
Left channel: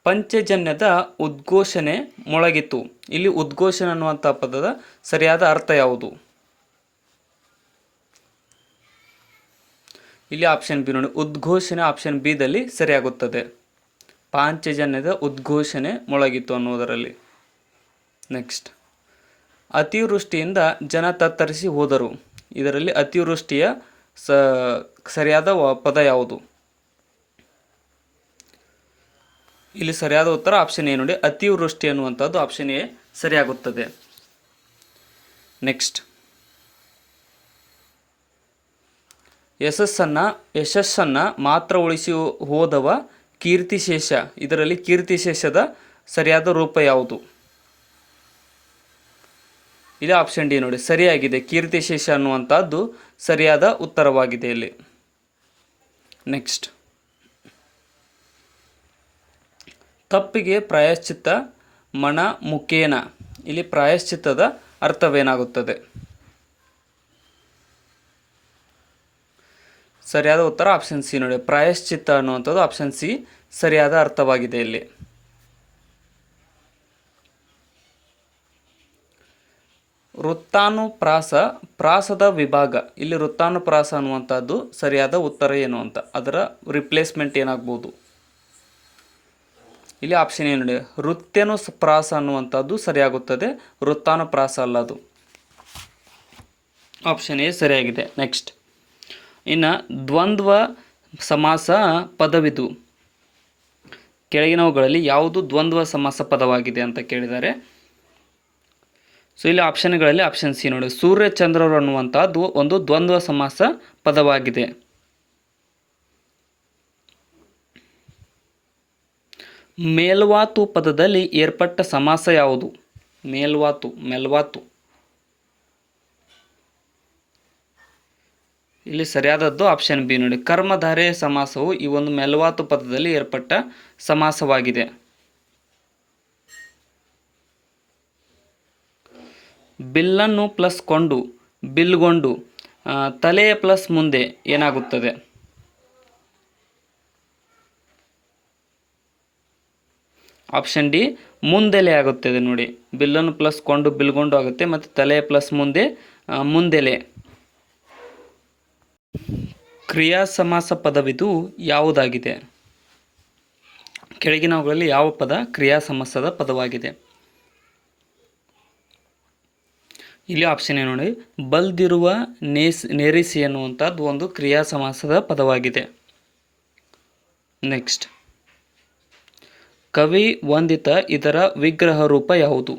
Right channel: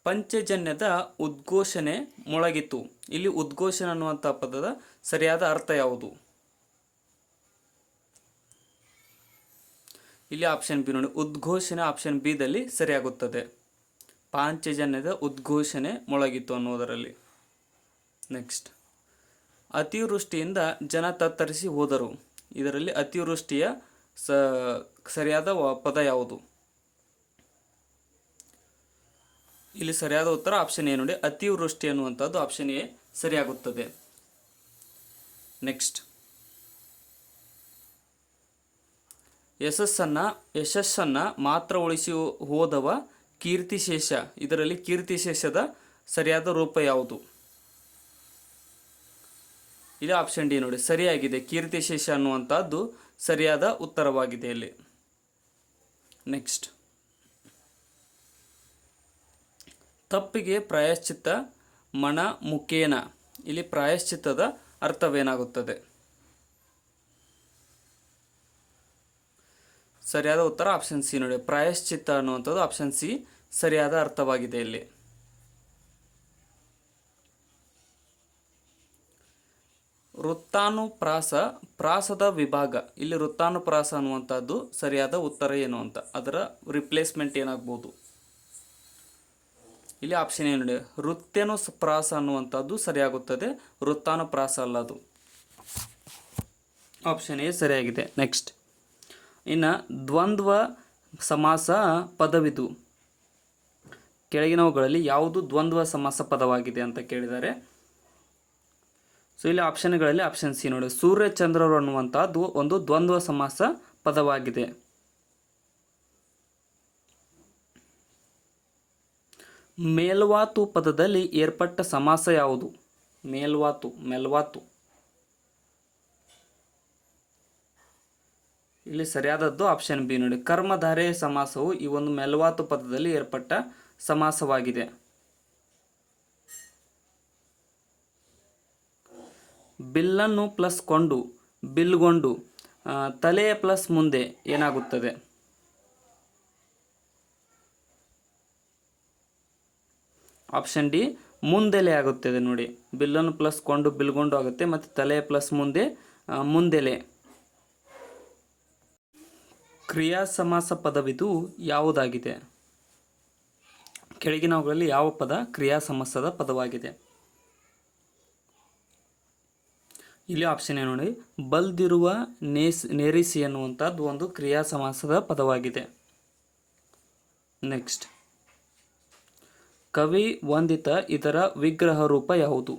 ಪಂಚಜನ್ಯದ ಉದ್ಘೋಷಣೆ ಮೊಳಗಿತು. ಇಲ್ಲಿ ಉದ್ಘೋಷಣೆ ಅನ್ನುವಂಥ ಪದದ ಸರಿಯಾದ ಅರ್ಥ ಯಾವುದು? ಇಲ್ಲಿ ಆಪ್ಷನ್ ಬಿ ನೋಡಿ, ಉದ್ಘೋಷಣೆ ಆಪ್ಷನ್ ಬಿ ದಲ್ಲಿ ಸರಿಯಾಗುತ್ತದೆ. ಪಾಂಚಜನ್ಯದ ಉದ್ಘೋಷಣೆ ಮೊಳಗಿತು ಅನ್ನುವುದರಲ್ಲಿ. ನೆಕ್ಸ್ಟ್, ಅತಿವೃಷ್ಟಿಯಿಂದ ಜನ ತತ್ತರಿಸಿ ಹೋದರು. ಇದರಲ್ಲಿ ಅತಿವೃಷ್ಟಿಯ ಸರಿಯಾದ ಪದ ಯಾವುದು? ಇಲ್ಲಿ ಸರಿಯಾದ ಉತ್ತರ ಆಪ್ಷನ್ ಎ ನೋಡಿ, ಅತಿವೃಷ್ಟಿ ಅನ್ನುವಂಥದ್ದು ಆಪ್ಷನ್ ಎ ಸರಿಯಾಗುತ್ತದೆ. ನೆಕ್ಸ್ಟ್, ಯಶಸ್ಸನ್ನು ಮಾತ್ರ ಉಳಿಸಿ ಹೋದವ ಕೀರ್ತಿಶೇಷ. ಇದರಲ್ಲಿ ಕೀರ್ತಿಶೇಷದ ಸರಿಯಾದ ರೂಪ ಯಾವುದು? ಇಲ್ಲಿ ಆಪ್ಷನ್ ಡಿ ನೋಡಿ, ಸರಿಯಾಗಿದೆ. ಕೀರ್ತಿಶೇಷ ಅನ್ನುವಂಥದ್ದು ಸರಿಯಾದ ಉತ್ತರವಾಗಿದೆ ಇಲ್ಲಿ. ನೆಕ್ಸ್ಟ್, ತಪ್ಪಿಗೆ ಪ್ರಾಯಶ್ಚಿತ್ತ ಮಣ ಮುಖೇನ. ಇಲ್ಲಿ ಪ್ರಾಯಶ್ಚಿತ್ತದ ಅರ್ಥವೇನಾಗುತ್ತದೆ? ಸರಿಯಾದ ಉತ್ತರ ಆಪ್ಷನ್ ಸಿ ನೋಡಿ, ಪ್ರಾಯಶ್ಚಿತ್ತ ಅನ್ನುವಂಥದ್ದು ಆಪ್ಷನ್ ಸಿ ಸರಿಯಾದ ಅರ್ಥವಾಗಿದೆ ಇಲ್ಲಿ. ವೃತ್ತಾನುಪ್ರಾಸ ಪ್ರಾಸದ ವಿಭಾಗ. ಇಲ್ಲಿ ವೃತ್ತಾನುಪ್ರಾಸ ಅನ್ನುವಂಥದ್ದು ಸರಿಯಾದ ಉತ್ತರ ಏನು ಅಂತ, ಅದರ ರಿಪ್ಲೇಸ್ಮೆಂಟ್ ಏನಾಗ್ಬೋದು? ಇಲ್ಲಿ ಆಪ್ಷನ್ ಏನು ನೋಡಿ, ವೃತ್ಯನುಪ್ರಾಸ ಅನ್ನುವಂಥದ್ದು ಸರಿಯಾಗುತ್ತದೆ. ವೃತ್ತಾನುಪ್ರಾಸ ಅಲ್ಲ ಅದು. ಆಪ್ಷನ್ ಎ ಸರಿಯಾಗಿದೆ. ನೆಕ್ಸ್ಟ್, ಇನ್ನು ದ್ವಂದ್ವ ಸಮಾಸ ಪದವಿದು. ಕೆಳಗಿನವುಗಳಲ್ಲಿ ಯಾವುದು ದ್ವಂದ್ವ ಸಮಾಸ ಪದವಾಗಿದೆ ಅಂತ ಕೇಳಿದ್ದಾರೆ. ಸೊ ಇಲ್ಲಿ ಆಪ್ಷನ್ಗಳಲ್ಲಿ ಆಪ್ಷನ್ ಸಿ ನೋಡಿ, ಸೂರ್ಯಚಂದ್ರರು ಅನ್ನುವಂಥದ್ದು ಒಂದು ದ್ವಂದ್ವ ಸಮಾಸ ಪದವಾಗಿದೆ. ಮೇಲ್ವಾತು ಪದದಲ್ಲಿ ಏರ್ಪಟ್ಟ ಸಮಾಸ ಯಾವುದು? ಮೇಲ್ವಾತು. ಇಲ್ಲಿ ಸರಿಯಾದದ್ದು ಆಪ್ಷನ್ ಬಿ ನೋಡಿ, ಕರ್ಮಧಾರೆ ಸಮಾಸವು ಈ ಒಂದು ಮೇಲ್ವಾತು ಪದದಲ್ಲಿ ಏರ್ಪಟ್ಟ ಸಮಾಸವಾಗಿದೆ. ಬಿಲ್ಲನ್ನು ಪ್ಲಸ್ ಕೊಂಡು, ಬಿಲ್ಗೊಂಡು, ತಲೆಯ ಪ್ಲಸ್ ಮುಂದೆ ಏನಾಗುತ್ತದೆ? ಆಪ್ಷನ್ ಡಿ ಮುಂದೆಲೆ ಆಗುತ್ತದೆ ನೋಡಿ. ಬಿಲ್ಲನ್ನು ಪ್ಲಸ್ ಕೊಂಡು ಬಿಲ್ಗೊಂಡು ಆಗುತ್ತೆ, ಮತ್ತು ತಲೆಯ ಪ್ಲಸ್ ಮುಂದೆ ಮುಂದೆಲೆ. ಕ್ರಿಯಾ ಸಮಾಸ ಪದವಿದು ಯಾವುದಾಗಿದೆ? ಕೆಳಗಿನವುಗಳಲ್ಲಿ ಯಾವ ಪದ ಕ್ರಿಯಾ ಸಮಾಸದ ಪದವಾಗಿದೆ? ಇಲ್ಲಿ ಆಪ್ಷನ್ ಏನು ನೋಡಿ, ಬಲ್ದಿರುವ ನೇರಿಸಿ ಎನ್ನುವಂಥದ್ದು ಒಂದು ಕ್ರಿಯಾ ಸಮಾಸದ ಪದವಾಗಿದೆ. ನೆಕ್ಸ್ಟ್, ಕವಿ ವಂದಿತ ಇದರ ವಿಗ್ರಹ ರೂಪ ಯಾವುದು?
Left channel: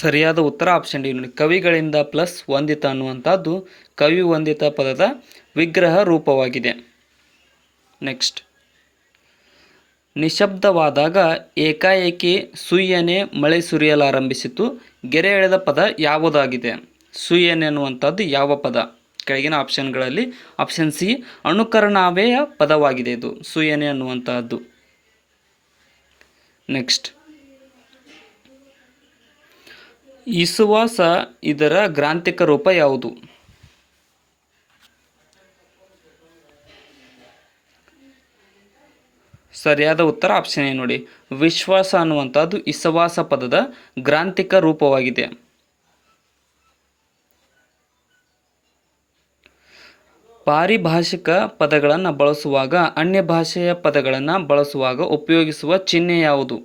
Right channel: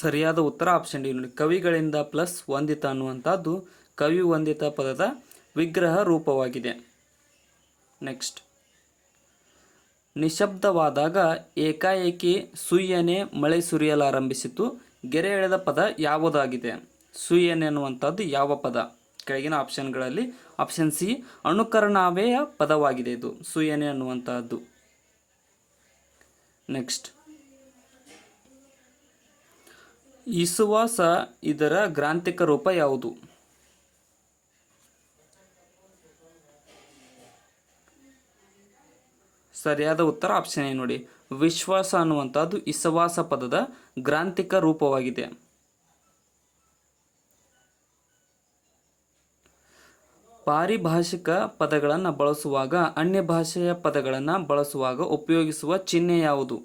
ಸರಿಯಾದ ಉತ್ತರ ಆಪ್ಷನ್ ಡಿ ನೋಡಿ, ಕವಿಗಳಿಂದ ಪ್ಲಸ್ ವಂದಿತ ಅನ್ನುವಂಥದ್ದು ಕವಿ ವಂದಿತ ಪದದ ವಿಗ್ರಹ ರೂಪವಾಗಿದೆ. ನೆಕ್ಸ್ಟ್, ನಿಶಬ್ದವಾದಾಗ ಏಕಾಏಕಿ ಸುಯ್ಯನೆ ಮಳೆ ಸುರಿಯಲಾರಂಭಿಸಿತು. ಗೆರೆ ಎಳೆದ ಪದ ಯಾವುದಾಗಿದೆ? ಸುಯ್ಯನೆ ಅನ್ನುವಂಥದ್ದು ಯಾವ ಪದ? ಕೆಳಗಿನ ಆಪ್ಷನ್ಗಳಲ್ಲಿ ಆಪ್ಷನ್ ಸಿ ಅನುಕರಣಾವೆಯ ಪದವಾಗಿದೆ ಇದು ಸೂಯನೆ ಅನ್ನುವಂತಹದ್ದು. ನೆಕ್ಸ್ಟ್, ಇಸುವಾಸ ಇದರ ಗ್ರಾಂಥಿಕ ರೂಪ ಯಾವುದು? ಸರಿಯಾದ ಉತ್ತರ ಆಪ್ಷನ್ ಎ ನೋಡಿ, ವಿಶ್ವಾಸ ಅನ್ನುವಂಥದ್ದು ಇಸವಾಸ ಪದದ ಗ್ರಾಂಥಿಕ ರೂಪವಾಗಿದೆ. ಪಾರಿಭಾಷಿಕ ಪದಗಳನ್ನು ಬಳಸುವಾಗ ಅನ್ಯ ಭಾಷೆಯ ಪದಗಳನ್ನು ಬಳಸುವಾಗ ಉಪಯೋಗಿಸುವ ಚಿಹ್ನೆ ಯಾವುದು?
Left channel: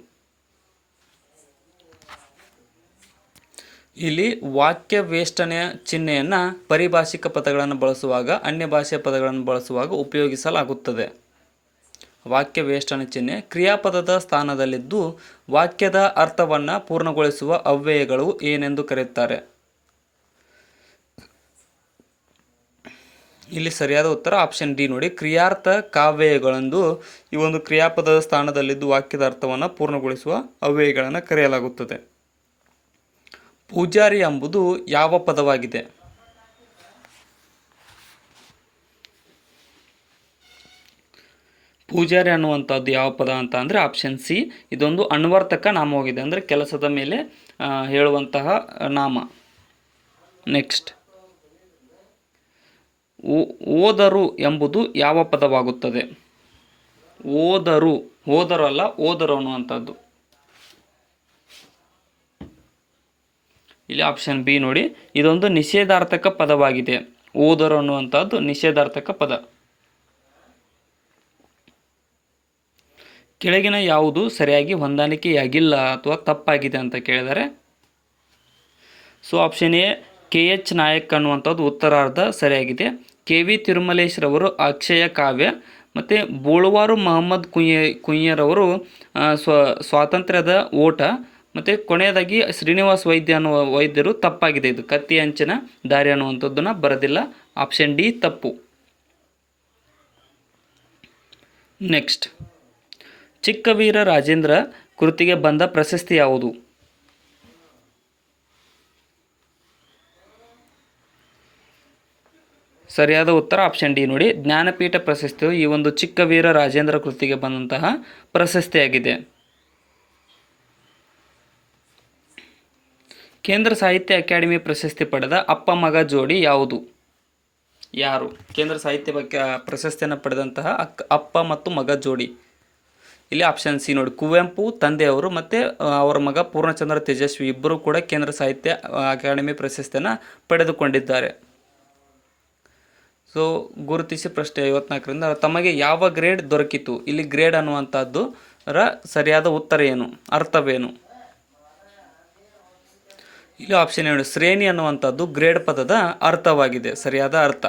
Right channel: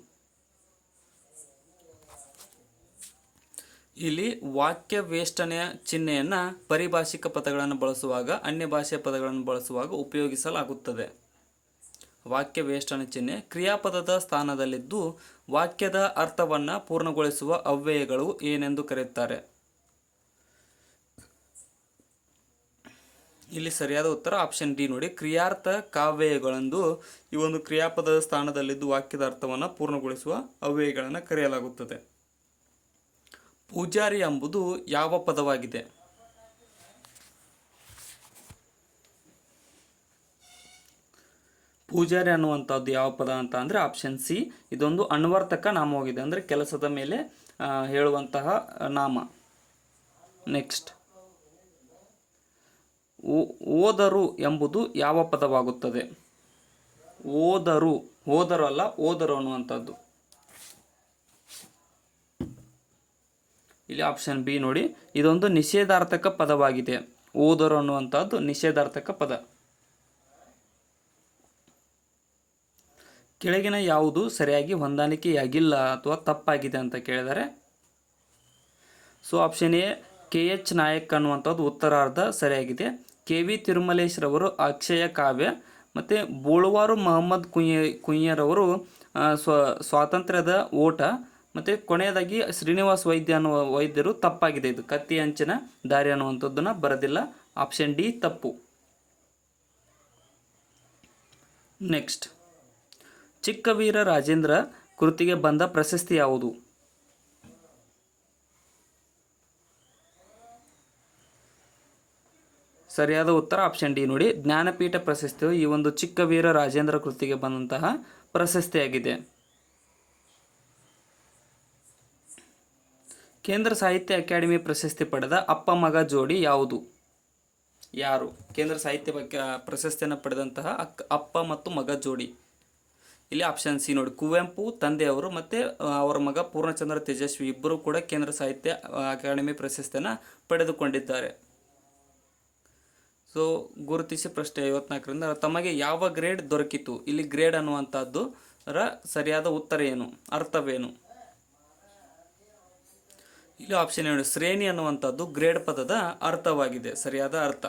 ಇಲ್ಲಿ ವಾಕ್ಯ ವೇಷ್ಟನೆಯ ಚಿಹ್ನೆಯನ್ನು ಪರಿಭಾಷಿಕ ಪದಗಳನ್ನು ಬಳಸುವಾಗ ಅನ್ಯ ಭಾಷೆಯ ಪದಗಳನ್ನು ಬಳಸುವಾಗ ಉಪಯೋಗಿಸಲಾಗುತ್ತದೆ. ವಾಕ್ಯ ವೇಷ್ಟನೆ ಚಿಹ್ನೆ ಕ್ರಿಯಾಪದದ ಸ್ಥಾನದಲ್ಲಿದ್ದು ವಾಕ್ಯದ ಅರ್ಥವನ್ನು ಪೂರ್ಣಗೊಳಿಸುವ ಅವ್ಯಯಗಳು ಏನೆಂದು ಕರೆಯುತ್ತಾರೆ? ಇಲ್ಲಿ ಸರಿಯಾದ ಉತ್ತರ ಆಪ್ಷನ್ ಡಿ ನೋಡಿ, ಕ್ರಿಯಾರ್ಥ ಕಾವ್ಯಯಗಳೆಂದು ಈ ಒಂದು ಕ್ರಿಯಾಪದದ ಸ್ಥಾನದಲ್ಲಿದ್ದು ವಾಕ್ಯದ ಅರ್ಥವನ್ನು ಪೂರ್ಣಗೊಳಿಸುವ ಅವ್ಯಯಗಳನ್ನು ಕರೆಯಲಾಗುತ್ತದೆ. ಪೂಜಾರಿ ಎಂಬುದು ಯಾವ ಪದವಾಗಿದೆ? ಪೂಜಾರಿ ಅನ್ನುವಂಥದ್ದು ಯಾವ ಪದ ಅಂತ ಅಂದರೆ ಆಪ್ಷನ್ ಸಿ, ಇದೊಂದು ಅನ್ವರ್ಥಕ ನಾಮವಾಗಿದೆ, ಅಂದರೆ ಕೆಲಸದ ಮೇಲೆ ಹೇಳುವಂತಹ ನಾಮ. ನೆಕ್ಸ್ಟ್, ಓದರು ಎಂಬುದು ಯಾವ ಪದವಾಗುತ್ತದೆ? ಓದರು, ಓದರು ಅಲ್ಲ, ಓದರು ಅನ್ನುವಂಥದ್ದು. ಇಲ್ಲಿ ಆಪ್ಷನ್ ಬಿ ನೋಡಿ, ಇದೊಂದು ನಿಷೇಧಾರ್ಥಕ ಪದವಾಗಿದೆ. ಓದರು ಅನ್ನುವಂಥದ್ದು ನಿಷೇಧಾರ್ಥಕ ಪದ. ಕೆಳಗಿನ ಯಾವುದು ಸರಿಯಾಗಿ ಹೊಂದಾಣಿಕೆಯಾಗಿಲ್ಲ ಅಥವಾ ತಪ್ಪಾಗಿದೆ ಅಂತ ಕೇಳಿದರೆ, so option A KH Nayak ಅನ್ನುವಂಥದ್ದು ಉತ್ತರಾರ್ಧ ಸರಿಯಾಗಿದೆ. KV ತಿರುಮಲೇಶ್ರವರು ಅಕ್ಷಯ ಕಾವ್ಯ ಮತ್ತು ಬೋಳುವಾರು ಮಹಮ್ಮದ್ ಕುಯ್ಯರವರು ಸ್ವಾತಂತ್ರ್ಯದ ಓಟ ಮತ್ತು ಕೊನೆಯದಾಗಿ ಶ್ರೀನಿವಾಸ್ ವೈದ್ಯ ಅನ್ನುವ ವೈದ್ಯರು ತಪ್ಪಾಗಿದೆ. ಇದು ಕತ್ತಿ ಅಂಚಿನ ದಾರಿ ಅನ್ನುವಂಥದ್ದನ್ನು ಬರೋದಿಲ್ಲ. ಆಪ್ಷನ್ ಡಿ ತಪ್ಪು. ನೆಕ್ಸ್ಟ್, ಚಿಕ್ಕವೀರ ರಾಜೇಂದ್ರ ಕೃತಿಗೆ ಬಂದ ಪ್ರಶಸ್ತಿ ಯಾವುದು? ಸರಿಯಾದ ಉತ್ತರ ಆಪ್ಷನ್ ಡಿ ನೋಡಿ, ಜ್ಞಾನಪೀಠ ಪ್ರಶಸ್ತಿಯು ಈ ಒಂದು ಚಿಕ್ಕವೀರ ರಾಜೇಂದ್ರ ಕೃತಿಗೆ ಬಂದಂತಹ ಪ್ರಶಸ್ತಿಯಾಗಿದೆ. ಕೇಂದ್ರ ಸಾಹಿತ್ಯ ಅಕಾಡೆಮಿ ಪ್ರಶಸ್ತಿ ಪಡೆದ ಅಪ್ಪ ಮಗ ಜೋಡಿ ಯಾವುದು? ಯಾರು ಕೇಂದ್ರ ಸಾಹಿತ್ಯ ಪ್ರಶಸ್ತಿಯನ್ನು ಪಡೆದಂತಹ ಅಪ್ಪ ಮತ್ತು ಮಗ ಜೋಡಿ? ಇಲ್ಲಿ ಆಪ್ಷನ್ ಸಿ ನೋಡಿ, ಕುವೆಂಪು ತಂದೆಯವರು ಮತ್ತು ಅವರ ಮಗ ಪೂರ್ಣಚಂದ್ರ ತೇಜಸ್ವಿ ಇಬ್ಬರು ಕೂಡ ಕೇಂದ್ರ ಸಾಹಿತ್ಯ ಅಕಾಡೆಮಿ ಪ್ರಶಸ್ತಿಯನ್ನು ಪಡೆದುಕೊಂಡಿದ್ದಾರೆ. ಸೊ ಗುರುತಿಸಿ ಪ್ರಶ್ನೆ 54ರಿಂದ ತಮಗೆ ಯಾವ ಗ್ರೇಡ್ ದೊರಕಿತು? ಇಲ್ಲಿ ಗ್ರೇಡ್ ಅನ್ನುವಂಥದ್ದು ಸರಿಯಾದ ಉತ್ತರ ಏನು, ಅರ್ಥವೇನು? ಇಲ್ಲಿ ಆಪ್ಷನ್ ಏನು, ಶ್ರೇಣಿ ಅನ್ನುವಂಥದ್ದು ಗ್ರೇಡ್ ಪದದ ಅರ್ಥವಾಗಿದೆ, ಸರಿಯಾದ ಅರ್ಥ.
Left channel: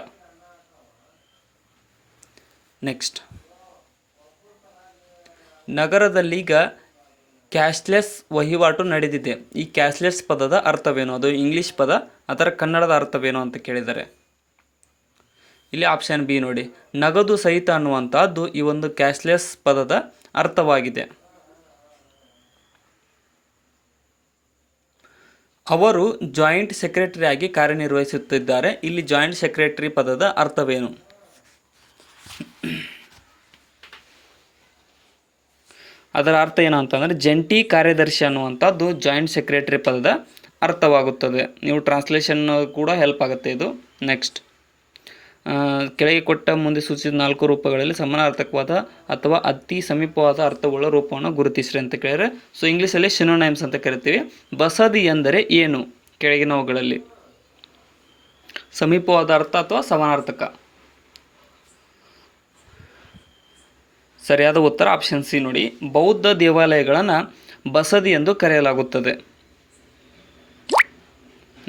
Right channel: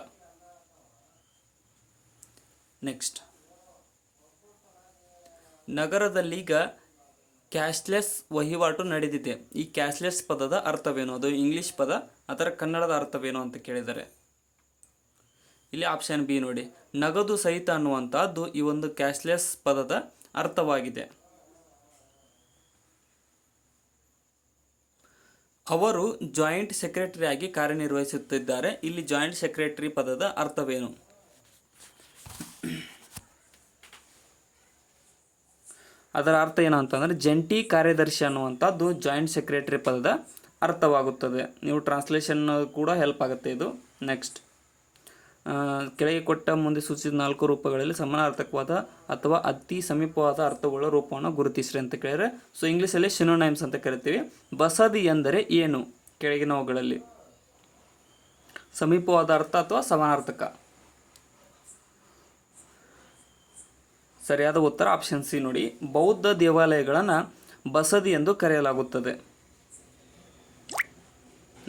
ನೆಕ್ಸ್ಟ್, ನಗರದಲ್ಲೀಗ ಕ್ಯಾಶ್ಲೆಸ್ ವಹಿವಾಟು ನಡೆದಿದೆ. ಈ ಕ್ಯಾಶ್ಲೆಸ್ ಪದದ ಅರ್ಥವೇನು? ಅದು ಇಂಗ್ಲಿಷ್ ಪದ, ಅದರ ಕನ್ನಡದ ಅರ್ಥವೇನು ಅಂತ ಕೇಳಿದರೆ ಇಲ್ಲಿ ಆಪ್ಷನ್ ಬಿ ನೋಡಿ, ನಗದು ಸಹಿತ ಅನ್ನುವಂಥದ್ದು ಈ ಒಂದು ಕ್ಯಾಶ್ಲೆಸ್ ಪದದ ಅರ್ಥವಾಗಿದೆ. ಅವರು ಜಾಯಿಂಟ್ ಸೆಕ್ರೆಟರಿ ಆಗಿ ಕಾರ್ಯನಿರ್ವಹಿಸುತ್ತಿದ್ದಾರೆ. ಇಲ್ಲಿ ಜಾಯಿಂಟ್ ಸೆಕ್ರೆಟರಿ ಪದದ ಅರ್ಥವೇನು? ಅದರ ಅರ್ಥ ಏನು ಅಂತಂದರೆ ಜಂಟಿ ಕಾರ್ಯದರ್ಶಿ ಅನ್ನುವಂಥದ್ದು ಜಾಯಿಂಟ್ ಸೆಕ್ರೆಟರಿ ಪದದ ಅರ್ಥವಾಗುತ್ತದೆ. ನೀವು ಟ್ರಾನ್ಸ್ಲೇಷನ್ ಕೂಡ ಹೆಲ್ಪ್ ಆಗುತ್ತೆ ಇದು. ನೆಕ್ಸ್ಟ್, ಕೆಳಗೆ ಕೊಟ್ಟ ಮುಂದೆ ಸೂಚಿಸಿದ 4 ರೂಪಗಳಲ್ಲಿ ಸಮಾನಾರ್ಥಕವಾದ ಅಥವಾ ಅತಿ ಸಮೀಪವಾದ ಅರ್ಥವುಳ್ಳ ರೂಪವನ್ನು ಗುರುತಿಸ್ರಿ ಅಂತ ಕೇಳಿದರೆ, ಸೊ ಇಂಗ್ಲೀಷಲ್ಲಿ ಸಿನೋನೈಮ್ಸ್ ಅಂತ ಕರಿತೀವಿ. ಬಸದಿ ಎಂದರೆ ಏನು? ಕೆಳಗಿನವುಗಳಲ್ಲಿ ಸಮೀಪವಾದ ಅರ್ಥ ಅಥವಾ ಸಮಾನಾರ್ಥಕ? ಸರಿಯಾದ ಉತ್ತರ ಆಪ್ಷನ್ ಸಿ ನೋಡಿ, ಬೌದ್ಧ ದೇವಾಲಯಗಳನ್ನು ಬಸದಿ ಎಂದು ಕರೆಯಲಾಗುತ್ತದೆ.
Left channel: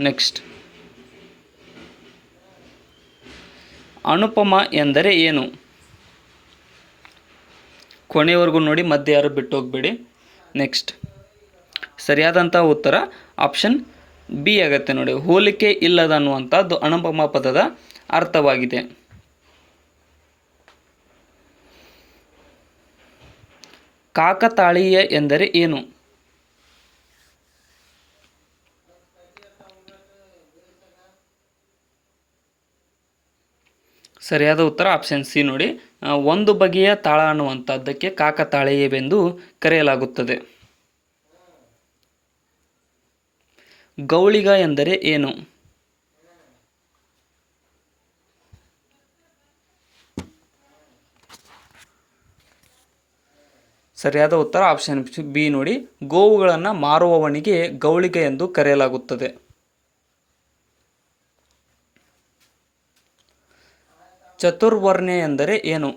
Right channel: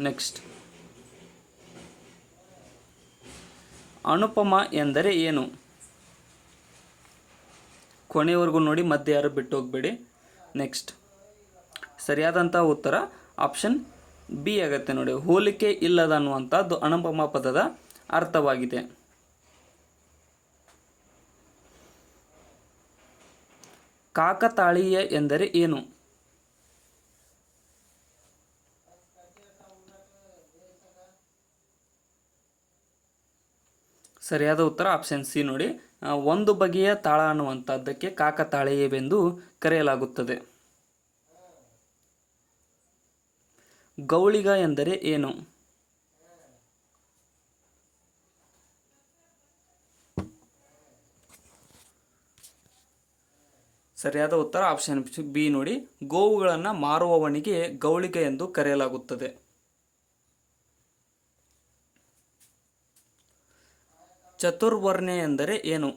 ನೆಕ್ಸ್ಟ್, ಅನುಪಮ ಎಂದರೆ ಏನು? ಕೊನೆಯವರೆಗೂ ನೋಡಿ, ಮಧ್ಯೆ ಯಾರು ಬಿಟ್ಟು ಹೋಗಬೇಡಿ. ನೆಕ್ಸ್ಟ್, ಸರಿಯಾದಂಥ ಉತ್ತರ ಆಪ್ಷನ್ ಬಿ ಆಗುತ್ತೆ ನೋಡಿ, ಹೋಲಿಕೆ ಇಲ್ಲದ ಅನ್ನುವಂಥದ್ದು ಅನುಪಮ ಪದದ ಅರ್ಥವಾಗಿದೆ. ಕಾಕತಾಳೀಯ ಎಂದರೆ ಏನು? ಸರಿಯಾದ ಉತ್ತರ ಆಪ್ಷನ್ ಸಿ ನೋಡಿ. ಒಂದು ಬಗೆಯ ತಾಳ ಅನ್ನುವಂಥದ್ದಕ್ಕೆ ಕಾಕತಾಳೀಯವೆಂದು ಕರೆಯಲಾಗುತ್ತದೆ. ಗೌಳಿಗ ಎಂದರೆ ಏನು? ಸರಿಯಾದ ಉತ್ತರ ಆಪ್ಷನ್ ಬಿ ನೋಡಿ. ಗೋವುಗಳನ್ನು ಮಾರುವವನಿಗೆ ಗೌಳಿಗ ಎಂದು ಕರೆಯಲಾಗುತ್ತದೆ. ಚತುರ್ವರ್ಣ್ಯ ಎಂದರೆ ಏನು?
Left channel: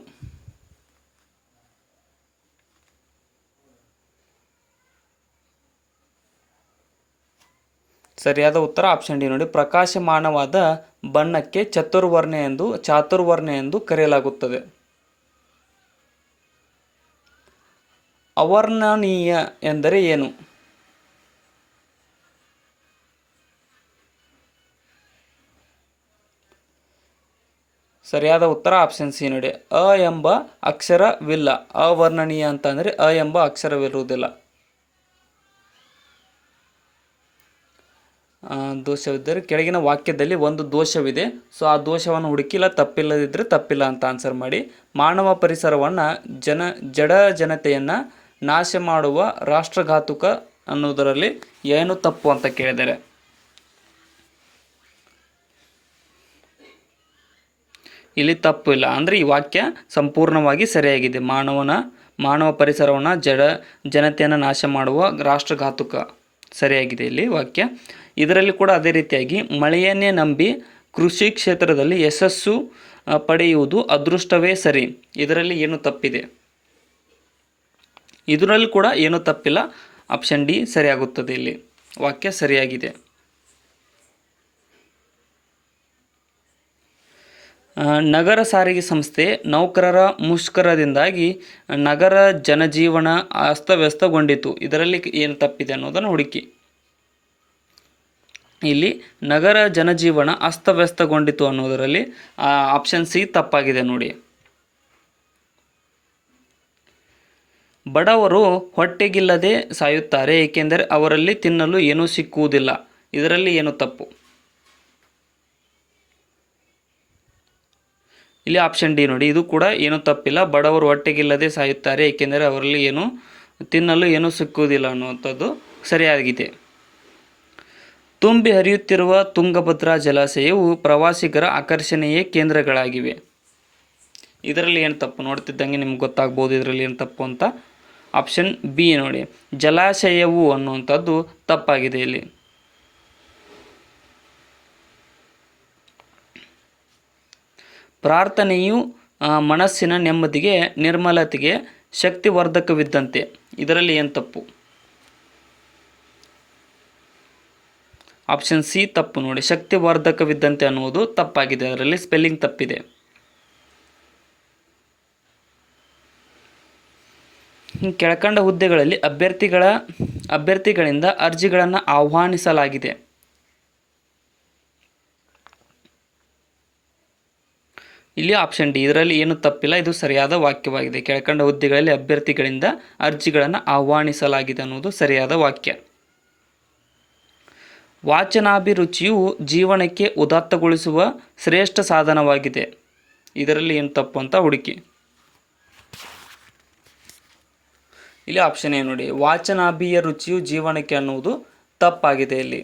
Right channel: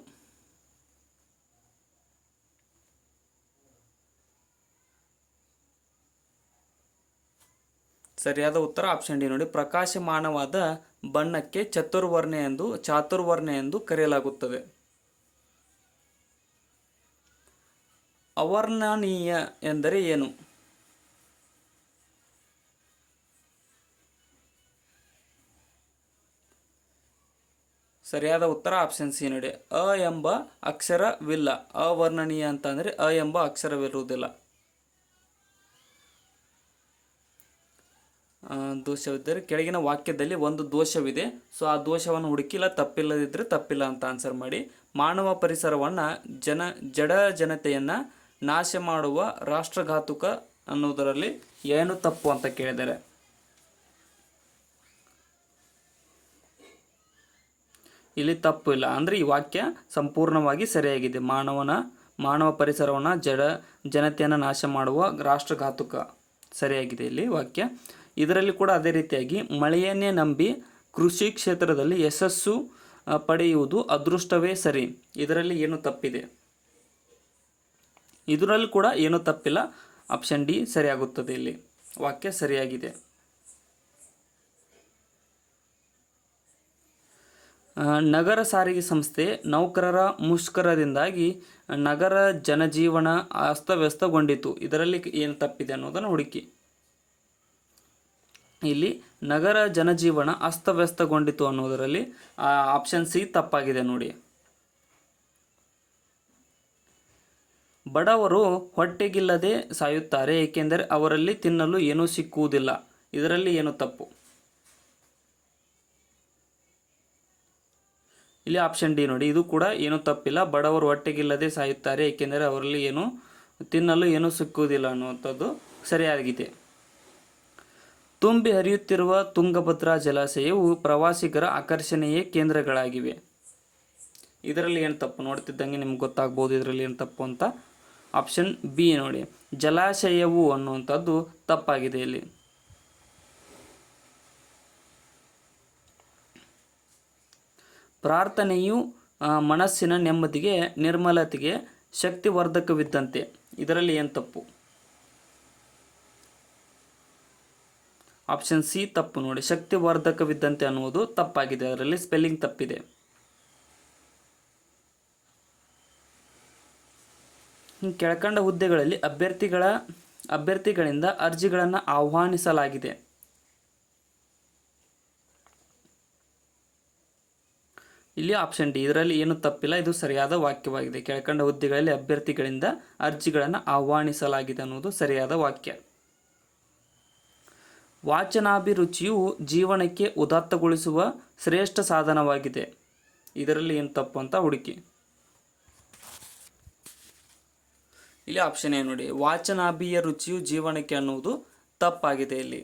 ಸರಿಯಾದ ಉತ್ತರ ಆಪ್ಷನ್ ಡಿ ನೋಡಿ. ಪ್ರಕಾಶಮಾನವಾದ ಬಣ್ಣಕ್ಕೆ ಚಾತುರ್ವರ್ಣ್ಯ ಎಂದು ಕರೆಯಲಾಗುತ್ತದೆ. ಅವರ್ಣನೀಯ ಎಂದರೆ ಏನು? ಸರಿಯಾದ ಉತ್ತರ ಆಪ್ಷನ್ ಸಿ ನೋಡಿ. ಅ ಎಂಬ ಅಕ್ಷರವಿಲ್ಲ. ಅವರ್ಣನೀಯ ಅಂತಂದರೆ ಅ ಎಂಬ ಅಕ್ಷರವಿರುವುದಿಲ್ಲ. ದೋಷವಿದ್ದರೆ ಕೆಳಗಿನ ವಾಕ್ಯದಲ್ಲಿ ಒಂದು ದೋಷವಿದೆ, ಸೊ ಆ ದೋಷವನ್ನು ಹುಡುಕಿ, ಇಲ್ಲ ತಪ್ಪಿಲ್ಲದಿದ್ದರೆ ತಪ್ಪಿಲ್ಲ ಅಂತ ಆನ್ಸರ್ ಮಾಡಿ. ಮಾನವ ಪರಿಸರವನ್ನು ಜಡ ಜನತೆಯನ್ನು ನಾಶ ಮಾಡುವ ರಾಷ್ಟ್ರಘಾತುಕ ಅನ್ನೋದರಲ್ಲಿ ಏನು ತಪ್ಪು ಅಂತ ಕೇಳಿದ್ದಾರೆ. ಇಲ್ಲಿ ತಪ್ಪು ಇಲ್ಲ, ಅಂದರೆ ಈ ವಾಕ್ಯ ಸಂಪೂರ್ಣವಾಗಿ ಸರಿಯಾಗಿದೆ. ಮಾನವ ಪರಿಸರವನ್ನು ಜನತೆಯನ್ನು ನಾಶ ಮಾಡುವ ರಾಷ್ಟ್ರಘಾತುಕ ಸರಿಯಾಗಿದೆ ಇಲ್ಲಿ ವಾಕ್ಯ. ಇದರಲ್ಲಿ ಕೂಡ ಅದೇ ರೀತಿಯಾಗಿ ಮಳೆಯನ್ನೇ ನಂಬಿ ಕೃಷಿ ಕ್ಷೇತ್ರದಲ್ಲಿ ಯಶಸ್ಸು ಪಡೆಯುವುದು ಅದೃಷ್ಟವೇ ಸರಿ. ಇದರಲ್ಲಿ ಏನು ತಪ್ಪಿದೆ? ಇದರಲ್ಲಿ ಕೂಡ ಏನು ತಪ್ಪಿಲ್ಲ, ಆಪ್ಷನ್ ಡಿ ಸರಿಯಾಗುತ್ತದೆ. ಇಲ್ಲಿ ವಾಕ್ಯ ಸರಿಯಾಗಿದೆ. ನಗರ ಸಾರಿಗೆ ಸಂಸ್ಥೆ ನೌಕರರ ಮುಷ್ಕರದಿಂದಾಗಿ ನಗರ ಜನಜೀವನ ಅಸ್ತವ್ಯಸ್ತಗೊಂಡಿತು. ಇದರಲ್ಲಿ ಏನು ತಪ್ಪಿದೆ ಅನ್ನೋದನ್ನು ಹುಡುಕಿ. ಇಲ್ಲಿ ನಗರ ಜನಜೀವನ ಅಸ್ತವ್ಯಸ್ತಗೊಂಡಿತು ಅನ್ನೋದರಲ್ಲಿ ಆಪ್ಷನ್ ಸಿ ತಪ್ಪಾಗಿದೆ ನೋಡಿ. ಬಡವರು ಹೊಟ್ಟೆಗಿಲ್ಲದೆ ಸಾಯುತ್ತಾರೆ ಏಕೆಂದರೆ ಅವರಲ್ಲಿ ತಿನ್ನಲು ಏನೂ ಸಿಕ್ಕುವುದಿಲ್ಲ. ಇದರಲ್ಲಿ ಏನು ತಪ್ಪು? ಇಲ್ಲಿ ಆಪ್ಷನ್ ಡಿ ನೋಡಿ. ಇದು ಕೂಡ ಏನೂ ತಪ್ಪಿಲ್ಲ. ಬಡವರು ಹೊಟ್ಟೆಗಿಲ್ಲದೆ ಸಾಯುತ್ತಾರೆ ಏಕೆಂದರೆ ಅವರಲ್ಲಿ ತಿನ್ನಲು ಏನೂ ಸಿಕ್ಕುವುದಿಲ್ಲ ಅನ್ನುವಂಥದ್ದು ಸರಿಯಾಗಿದೆ. ತುಂಬಿ ಹರಿಯುತ್ತಿರುವ ತುಂಗಭದ್ರಾ ಜಲಾಶಯವು ಪ್ರವಾಸಿಗರ ಆಕರ್ಷಣೆಯ ಕೇಂದ್ರಗಳಾಗಿವೆ. ಇದರಲ್ಲಿ ಏನು ತಪ್ಪು? ನೋಡ್ತಿದ್ದಂಗೆ ನಿಮ್ಗೆ ಗೊತ್ತಾಗ್ಬೋದು ಇದರಲ್ಲಿ ಏನು ತಪ್ಪು ಅಂತ. ಆಪ್ಷನ್ ಬಿ ನೋಡಿ. ಜಲಾಶಯವು ಅನ್ನುವಂಥದ್ದು ತಪ್ಪಾಗಿದೆ ಇಲ್ಲಿ. ಪ್ರಾರ್ಥನೆಯು ಮನಸ್ಸಿನ ನೆಮ್ಮದಿಗೆ ನಿರ್ಮಲತೆಗೆ ಶಕ್ತಿವರ್ಧಕವಿದ್ದಂತೆ. ಇದರಲ್ಲಿ ಏನು ತಪ್ಪು? ಆಪ್ಷನ್ ಸಿ ತಪ್ಪು ನೋಡಿ. ಶಕ್ತಿವರ್ಧಕವಿದ್ದಂತೆ ಅನ್ನುವುದು ತಪ್ಪಾಗಿದೆ, ಅದರಲ್ಲಿ ಸ್ಪೆಲ್ಲಿಂಗ್ ತಪ್ಪಿದೆ. ಕೆಳಕಂಡ ಹುದ್ದೆಗಳಲ್ಲಿ ಅಭ್ಯರ್ಥಿಗಳಿಂದ ಅರ್ಜಿಗಳನ್ನು ಆಹ್ವಾನಿಸಲಾಗಿದೆ. ಇಲ್ಲಿ ಆಪ್ಷನ್ ಡಿ. ಇದರಲ್ಲಿ ಏನು ತಪ್ಪಿಲ್ಲ, ಇದು ಸರಿಯಾದ ವಾಕ್ಯವಾಗಿದೆ. ಕೆಳಕಂಡ ಹುದ್ದೆಗಳಲ್ಲಿ ಅಭ್ಯರ್ಥಿಗಳಿಂದ ಅರ್ಜಿಗಳನ್ನು ಆಹ್ವಾನಿಸಲಾಗಿದೆ ಅನ್ನೋದು ಸರಿಯಾದ ವಾಕ್ಯ. ವಾಚನಾಭಿರುಚಿಯು ಜೀವನಕ್ಕೆ ಉದಾತ್ತಗೊಳಿಸುವ ಶ್ರೇಷ್ಠ ಸಾಧನವಾಗಿದೆ. ಇದರಲ್ಲಿ ಏನು ತಪ್ಪು ಅಂತ ಹುಡುಕಿ. ಇಲ್ಲಿ ಆಪ್ಷನ್ ಏನು ನೋಡಿ. ವಾಚನಾಭಿಯ ರುಚಿಯು ಜೀವನಕ್ಕೆ ಅನ್ನುವುದು ತಪ್ಪಾಗಿದೆ. ಇಲ್ಲಿ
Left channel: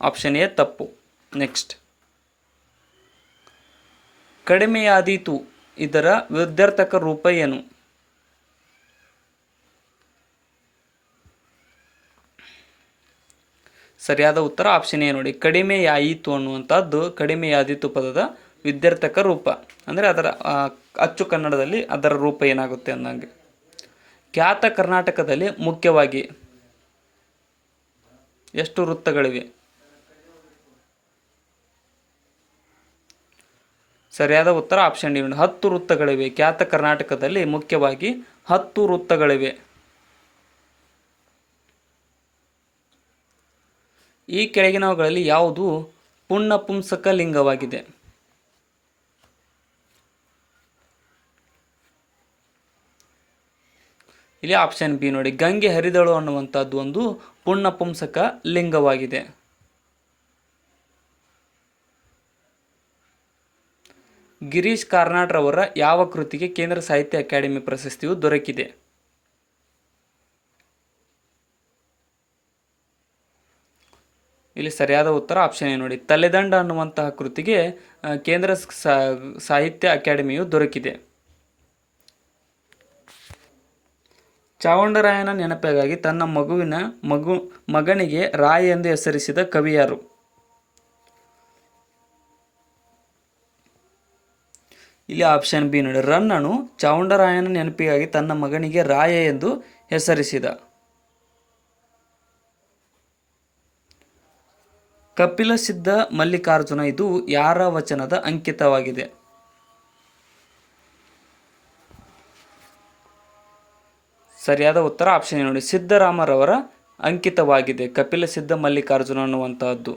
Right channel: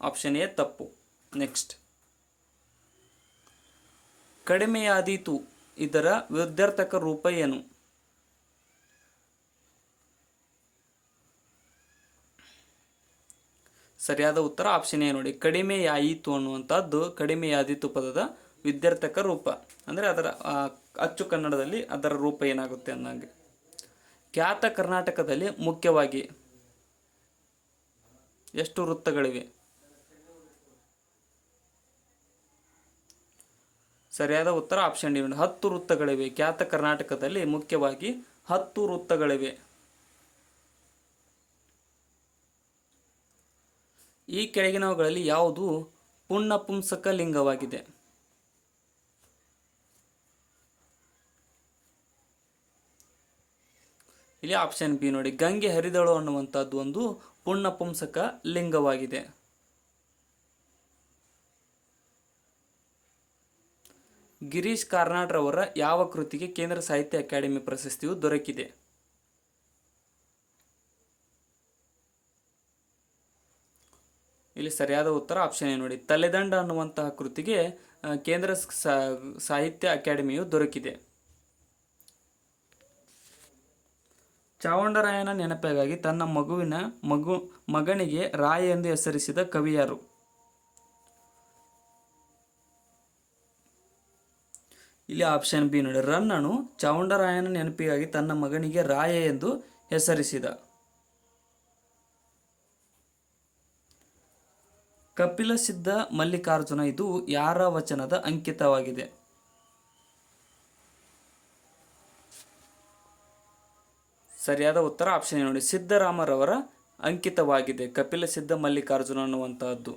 ಆಪ್ಷನ್ ಎ ತಪ್ಪು. ನೆಕ್ಸ್ಟ್, ಕಡಿಮೆಯಾದೀತು ಇದರ ವಿದ್ಯಾರ್ಥಕ ರೂಪ ಏನು? ಸರಿಯಾದ ಉತ್ತರ ಆಪ್ಷನ್ ಎ ನೋಡಿ. ಕಡಿಮೆಯಾಯಿತು ಅನ್ನುವಂಥದ್ದು ಕಡಿಮೆಯಾದೀತು ಪದದ ವಿದ್ಯಾರ್ಥಕ ರೂಪ, ಅಂದರೆ ಅದರ ಅಚ್ಚು ಕನ್ನಡದಲ್ಲಿ ಅದರ ರೂಪ ಏನಾಗುತ್ತೆ ಅನ್ನಂಗೆ. ಖ್ಯಾತ ಕರ್ನಾಟಕದಲ್ಲಿ ಮುಖ್ಯವಾಗಿ ಎಷ್ಟು ವೃತ್ತಗಳಿವೆ? ಸರಿಯಾದ ಉತ್ತರ ಆಪ್ಷನ್ ಡಿ 10 ವೃತ್ತಗಳಿವೆ. ಖ್ಯಾತ ಕರ್ನಾಟಕದಲ್ಲಿ ಮುಖ್ಯವಾಗಿ 10 ವೃತ್ತಗಳಿವೆ. ಈ ಕೆಳಗಿನವುಗಳಲ್ಲಿ ಯಾವುದು ಪುಂನಪುಂಸಕ ಲಿಂಗವಾಗಿದೆ? ಇಲ್ಲಿ ಆಪ್ಷನ್ ಬಿ ನೋಡಿ. ಗಂಗೆ ಹರಿದಳು ಅನ್ನುವಂಥದ್ದು ಒಂದು ಪುಂನಪುಂಸಕ ಲಿಂಗವಾಗಿದೆ. ಗಿರೀಶ್ ಕಾರ್ನಾಡ್ರವರ ಯಾವ ಕೃತಿಗೆ ಕೇಂದ್ರ ಸಾಹಿತ್ಯ ಅಕಾಡೆಮಿ ಪ್ರಶಸ್ತಿಯು ದೊರಕಿದೆ? ಇಲ್ಲಿ ಸರಿಯಾದ ಉತ್ತರ ಆಪ್ಷನ್ ನೋಡಿ, ತಲೆದಂಡ ಅನ್ನುವಂತಹ ಕೃತಿಗೆ ಕೇಂದ್ರ ಸಾಹಿತ್ಯ ಅಕಾಡೆಮಿಯು ದೊರಕಿದೆ. ಚಾವುಂಡರಾಯನ ನೆನಪಿಗಾಗಿ ತನ್ನ ಮಗನಿಗೆ ರಾಯ್ ಎಂದು ಹೆಸರಿಸಿದ ಕವಿ ಯಾರು? ಇಲ್ಲಿ ಆಪ್ಷನ್ ಬಿ ನೋಡಿ, ರನ್ನನು ಚಾವುಂಡರಾಯನ ನೆನಪಿಗಾಗಿ ತನ್ನ ಮಗನಿಗೆ ರಾಯ ಎಂದು ಹೆಸರಿಸಿದ. ಕಪಿಲ ಸಿದ್ಧ ಮಲ್ಲಿಕಾರ್ಜುನ ಇದು ಯಾರ ವಚನದ ಅಂಕಿತವಾಗಿದೆ? ಸರಿಯಾದ ಉತ್ತರ ಆಪ್ಷನ್ ನೋಡಿ, ಸಿದ್ದರಾಮರವರ ಅಂಕಿತವಾಗಿದೆ ಕಪಿಲ ಸಿದ್ಧ ಮಲ್ಲಿಕಾರ್ಜುನ ಅನ್ನುವಂತಹದ್ದು.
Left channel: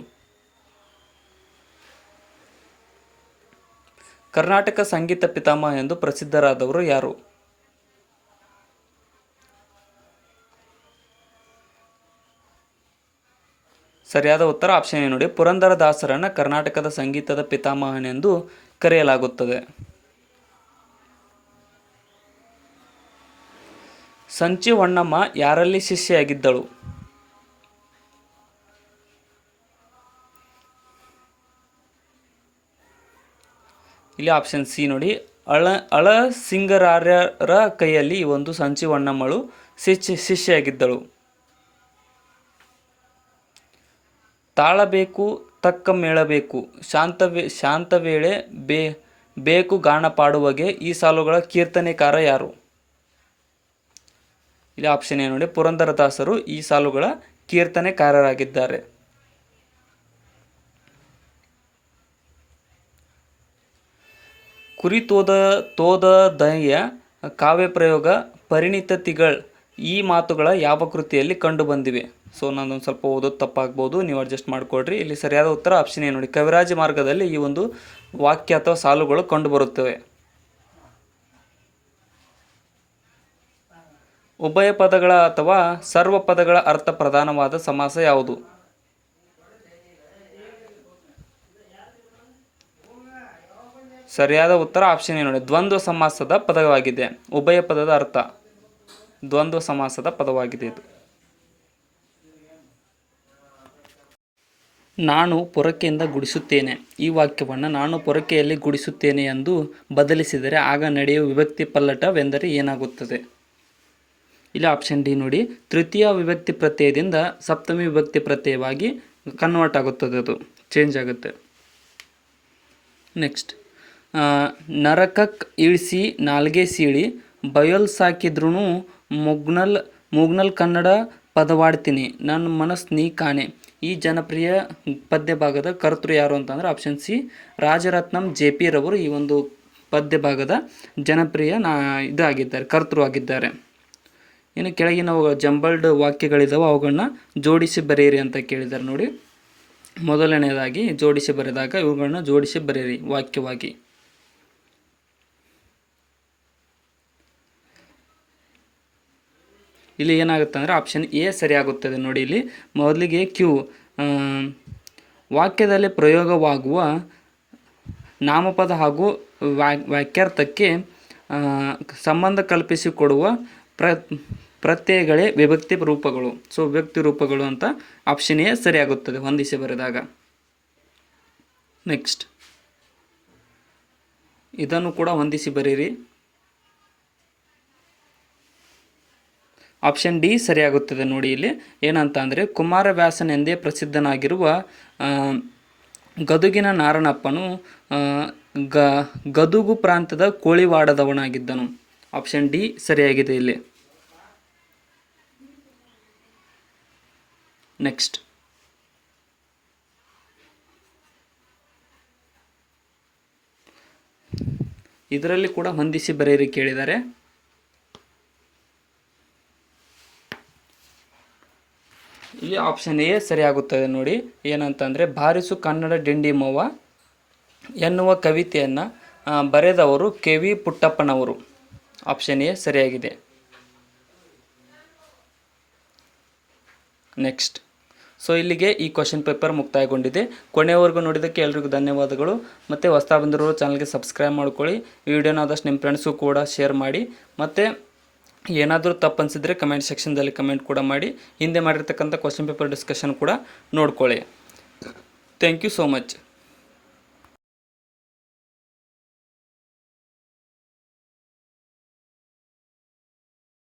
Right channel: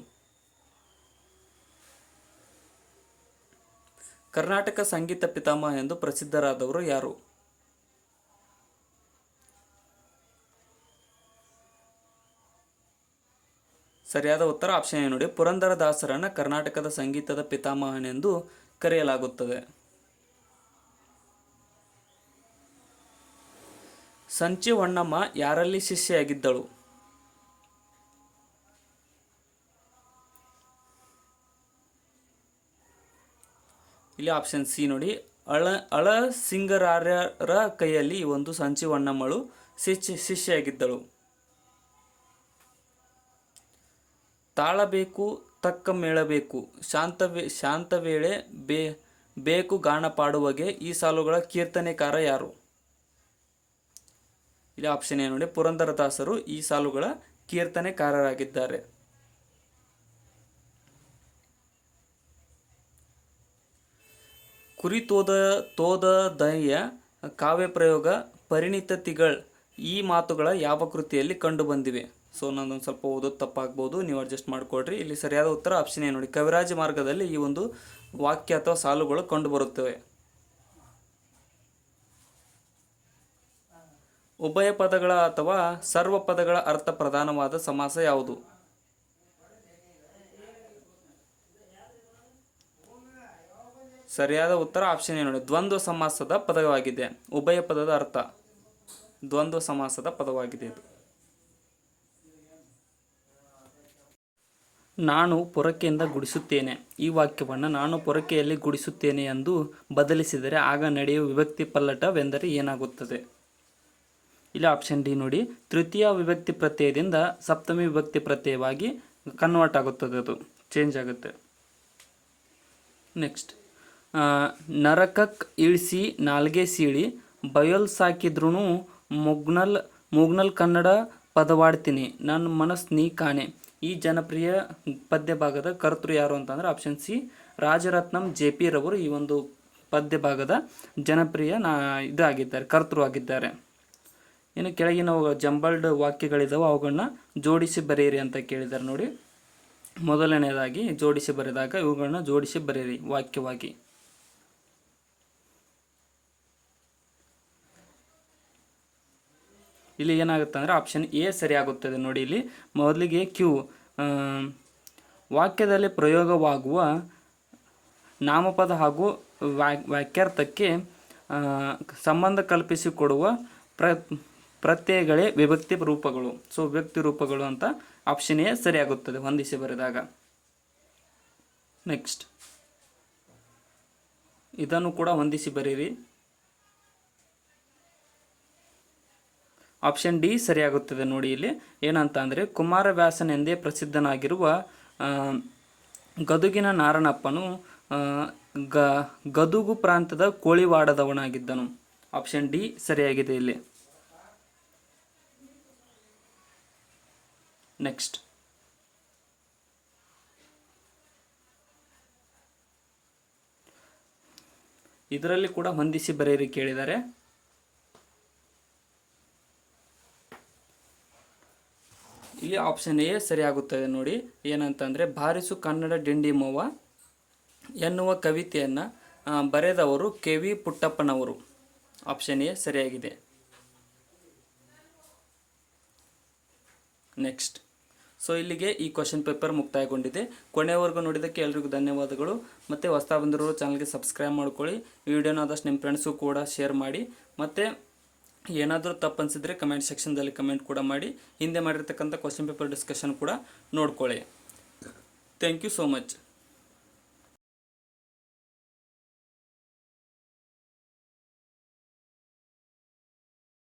ಕರ್ನಾಟಕ ಸಂಗೀತ ಪಿತಾಮಹ ಎಂದು ಪ್ರಸಿದ್ಧರಾದವರು ಯಾರು? ಸರಿಯಾದ ಉತ್ತರ ಆಪ್ಷನ್ ನೋಡಿ, ಪುರಂದರದಾಸರನ್ನ ಕರ್ನಾಟಕದ ಸಂಗೀತದ ಪಿತಾಮಹನೆಂದು ಕರೆಯಲಾಗುತ್ತದೆ. ಸಂಚಿ ಹೊನ್ನಮ್ಮ ಯಾರಲ್ಲಿ ಶಿಷ್ಯೆಯಾಗಿದ್ದಳು? ಇಲ್ಲಿ ಆಪ್ಷನ್ ಸಿ ನೋಡಿ, ಅಳಸಿಂಗರಾರ್ಯರ ಕೈಯಲ್ಲಿ ಈ ಒಂದು ಸಂಚಿ ಹೊನ್ನಮ್ಮಳು ಶಿಷ್ಯೆಯಾಗಿದ್ದಳು. ತಾಳಬೇಕು ತಕ್ಕ ಮೇಳಬೇಕು ಶಾಂತ ವೇಳೆ ಬೇಕು ಗಾನ ಪಾಡುವಗೆ ಈ ಸಾಲುಗಳ ಕೀರ್ತನೆಕಾರ ಯಾರು? ಇಲ್ಲಿ ಆಪ್ಷನ್ ನೋಡಿ, ಪುರಂದರದಾಸರು ಈ ಸಾಲುಗಳ ಕೀರ್ತನೆಕಾರರಾಗಿದ್ದಾರೆ. ಕುರಿ ತೋದದಯ ಕಾವ್ಯ ಪ್ರಯೋಗ ಪರಿಣಿತಿಗಳ್ ಈ ಮಾತುಗಳ ಯಾವ ಕೃತಿಯಲ್ಲಿ ಕಂಡು ಬಂದಿವೆ? ಸೊ ನಾನೊಂದು ಸ್ವಲ್ಪ ಓದೋದು ತಪ್ಪಾಗ್ಬೋದು, ನೀವು ಅಡ್ಜಸ್ಟ್ ಮಾಡಿಕೊಡ್ರಿ. ಇಲ್ಲಿ ಸರಿಯಾದ ಉತ್ತರ ಆಪ್ಷನ್ ನೋಡಿ, ಕವಿರಾಜ ಮಾರ್ಗದಲ್ಲಿ ಈ ಒಂದು ವಾಕ್ಯ ಅಥವಾ ಸಾಲುಗಳು ಕಂಡುಬರುತ್ತವೆ. ಉಭಯ ಪದಗಳ ಅಥವಾ ಸರ್ವ ಪದಗಳ ಅರ್ಥ ಪ್ರಧಾನವಾದ ಸಮಾಸ ಯಾವುದು? ಸರಿಯಾದ ಉತ್ತರ ಆಪ್ಷನ್ ನೋಡಿ, ದ್ವಂದ್ವ ಸಮಾಸದ ಪದವಾಗಿದೆ. ಉಭಯ ಪದದ ಅರ್ಥ ದ್ವಂದ್ವ ಸಮಾಸದ ಪದವಾಗಿದೆ ಇದು. ನಾನು ಪೊರಕೆಯಿಂದ ಗುಡಿಸುತ್ತೇನೆ ಈ ವಾಕ್ಯವನ್ನು ನಾನು ಪೊರಕೆಯಲ್ಲಿ ಗುಡಿಸುತ್ತೇನೆ ಎಂದು ಬದಲಿಸಿದರೆ ಆಗ ನಡೆಯುವ ವಿಭಕ್ತಿ ಪಲ್ಲಟವೆಂದರೆ ಏನಾಗುತ್ತದೆ? ಇಲ್ಲಿ ಆಪ್ಷನ್ ಡಿ ನೋಡಿ, ತೃತೀಯ ವಿಭಕ್ತಿ ಪ್ರತ್ಯಯದಿಂದ ಸಪ್ತಮಿ ವಿಭಕ್ತಿ ಪ್ರತ್ಯಯವಾಗಿ ಕನ್ವರ್ಟ್ ಆಗುತ್ತದೆ, ಅದು ಚೇಂಜ್ ಆಗುತ್ತೆ. ನೆಕ್ಸ್ಟ್, ನರಕಕ್ಕೆ ಇಳಿಸಿ ನಾಲ್ಗೆ ಸೀಳಿ ಬಯಲ್ ಸಾಕಿದ್ರೂ ಮುಗ್ನಲ್ ಕನ್ನಡ ಪದವಾಡ್ತೀನಿ ನನ್ನ ಮನಸ್ಸು ನೀ ಕಾಣೆ. ಈ ಜನಪ್ರಿಯ ಪದ್ಯ ಭಾಗದ ಕರ್ತೃ ಯಾರು ಅಂತಂದರೆ ಆಪ್ಷನ್ ಸಿ ರಾಜರತ್ನಂ JP ರವರು ಈ ಒಂದು ಪದ್ಯ ಭಾಗದ ಜನಪ್ರಿಯ ಇದಾಗಿದ್ದಾರೆ, ಕರ್ತೃ ಆಗಿದ್ದಾರೆ. ಇನ್ನು ಕೆಳಗಿನ ಜಂಬಲ್ಡ್ ವಾಕ್ಯಗಳಿದ್ದಾವೆ, ಅವುಗಳನ್ನ ಜೋಡಿಸಿ ಬರೆಯಿರಿ ಅಂತ ಕೇಳಿದ್ದಾರೆ ನೋಡಿ. ಮೊದಲನೇದಾಗಿ ಜೋಡಿಸಿ ಬರೆದಾಗ ಇವುಗಳನ್ನ ಜೋಡಿಸಿ ಬರೆಯಿರಿ ವಾಕ್ಯವಾಗಿ. ಇಲ್ಲಿ ಏನಾಗುತ್ತೆ ಅಂದರೆ ಆಪ್ಷನ್ ಎ ಸರಿಯಾಗುತ್ತದೆ ನೋಡಿ. ಇಲ್ಲಿ ಮೊದಲಿಗೆ ಕ್ಯೂ ವಾಕ್ಯದಲ್ಲಿ ಪ್ರಯೋಗವಾಗುವ ನಾಮಪದ ಹಾಗೂ ವಾಕ್ಯಾರ್ಥಕ್ಕೆ ಸಂಬಂಧ ಕಲ್ಪಿಸಿಕೊಡುವ ಪ್ರತ್ಯಯಗಳೇ ವಿಭಕ್ತಿ ರೂಪಗಳು. ಸೊ ವಿಭಕ್ತಿ ರೂಪಗಳು ಅಂತ ಆಪ್ಷನ್ ಎ ಸರಿಯಾಗುತ್ತದೆ ಹೊಂದಿಸಿ ಬರೆದಾಗ. ನೆಕ್ಸ್ಟ್, ಇದನ್ನು ಕೂಡ ಹೊಂದಿಸಿ ಬರೀರಿ. ಆಪ್ಷನ್ ಡಿ ಸರಿಯಾಗುತ್ತದೆ ನೋಡಿ. ಇಲ್ಲಿ ಏನಂತ ಅಂದರೆ ಕುಮಾರವ್ಯಾಸನೆಂದೇ ಪ್ರಸಿದ್ಧನಾಗಿರುವ ಗದುಗಿನ ನಾರಣಪ್ಪನು ಗದುಗು ಪ್ರಾಂತ್ಯದ ಕೋಳಿವಾಡದವನಾಗಿದ್ದನು. ಆಪ್ಷನ್ ಡಿ ಸರಿಯಾಗಿದೆ ಇಲ್ಲಿ. ನೆಕ್ಸ್ಟ್, ಇದರಲ್ಲಿ ಕೂಡ ಹೊಂದಿಸಿ ಬರೆಯಿರಿ ಕೇಳಿದ್ದಾರೆ. ಇಲ್ಲಿ ಆಪ್ಷನ್ ಎ ಸರಿಯಾಗುತ್ತದೆ ನೋಡಿ. ಏನಂತಂದರೆ ಬಾರಿಸು ಕನ್ನಡ ಡಿಂಡಿಮವ್ವ ಎನ್ನುವ ಕವಿತೆಯನ್ನು ಬರೆದವರು KV ಪುಟ್ಟಪ್ಪನವರು. ಆಪ್ಷನ್ ಎ ಸರಿಯಾಗಿದೆ. ನೆಕ್ಸ್ಟ್, ಸೊ ಇಲ್ಲಿಗೆ ಈ ಕ್ವಶನ್ ಪೇಪರ್ ಮುಕ್ತಾಯಗೊಂಡಿದೆ. ಕೊನೆಯವರೆಗೂ ನೋಡಿದ್ದಕ್ಕೆ ಎಲ್ರಿಗೂ ಧನ್ಯವಾದಗಳು. ಮತ್ತು ಹೊಸ ಬಂದಿರೋರು ಚಾನಲ್ಗೆ ಸಬ್ಸ್ಕ್ರೈಬ್ ಮಾಡ್ಕೊಳ್ಳಿ. ಈ ವಿಡಿಯೋನ ಆದಷ್ಟು ನಿಮ್ಮ ಫ್ರೆಂಡ್ಸು ಕೂಡ ಶೇರ್ ಮಾಡಿ. ಮತ್ತು ಏನಾದರೂ ತಪ್ಪು ಅನಿಸಿದರೆ ಕಮೆಂಟ್ ಸೆಕ್ಷನ್ದಲ್ಲಿ ಕಮೆಂಟ್ ಕೂಡ ಮಾಡಿ. ಹಿಂದೆ ಮಾಡಿರ್ತಕ್ಕಂಥ ಕ್ವಶನ್ ಪೇಪರ್ ಡಿಸ್ಕಷನ್ ಕೂಡ ನೋಡ್ಕೊಳ್ಳಿ. Thank you so much.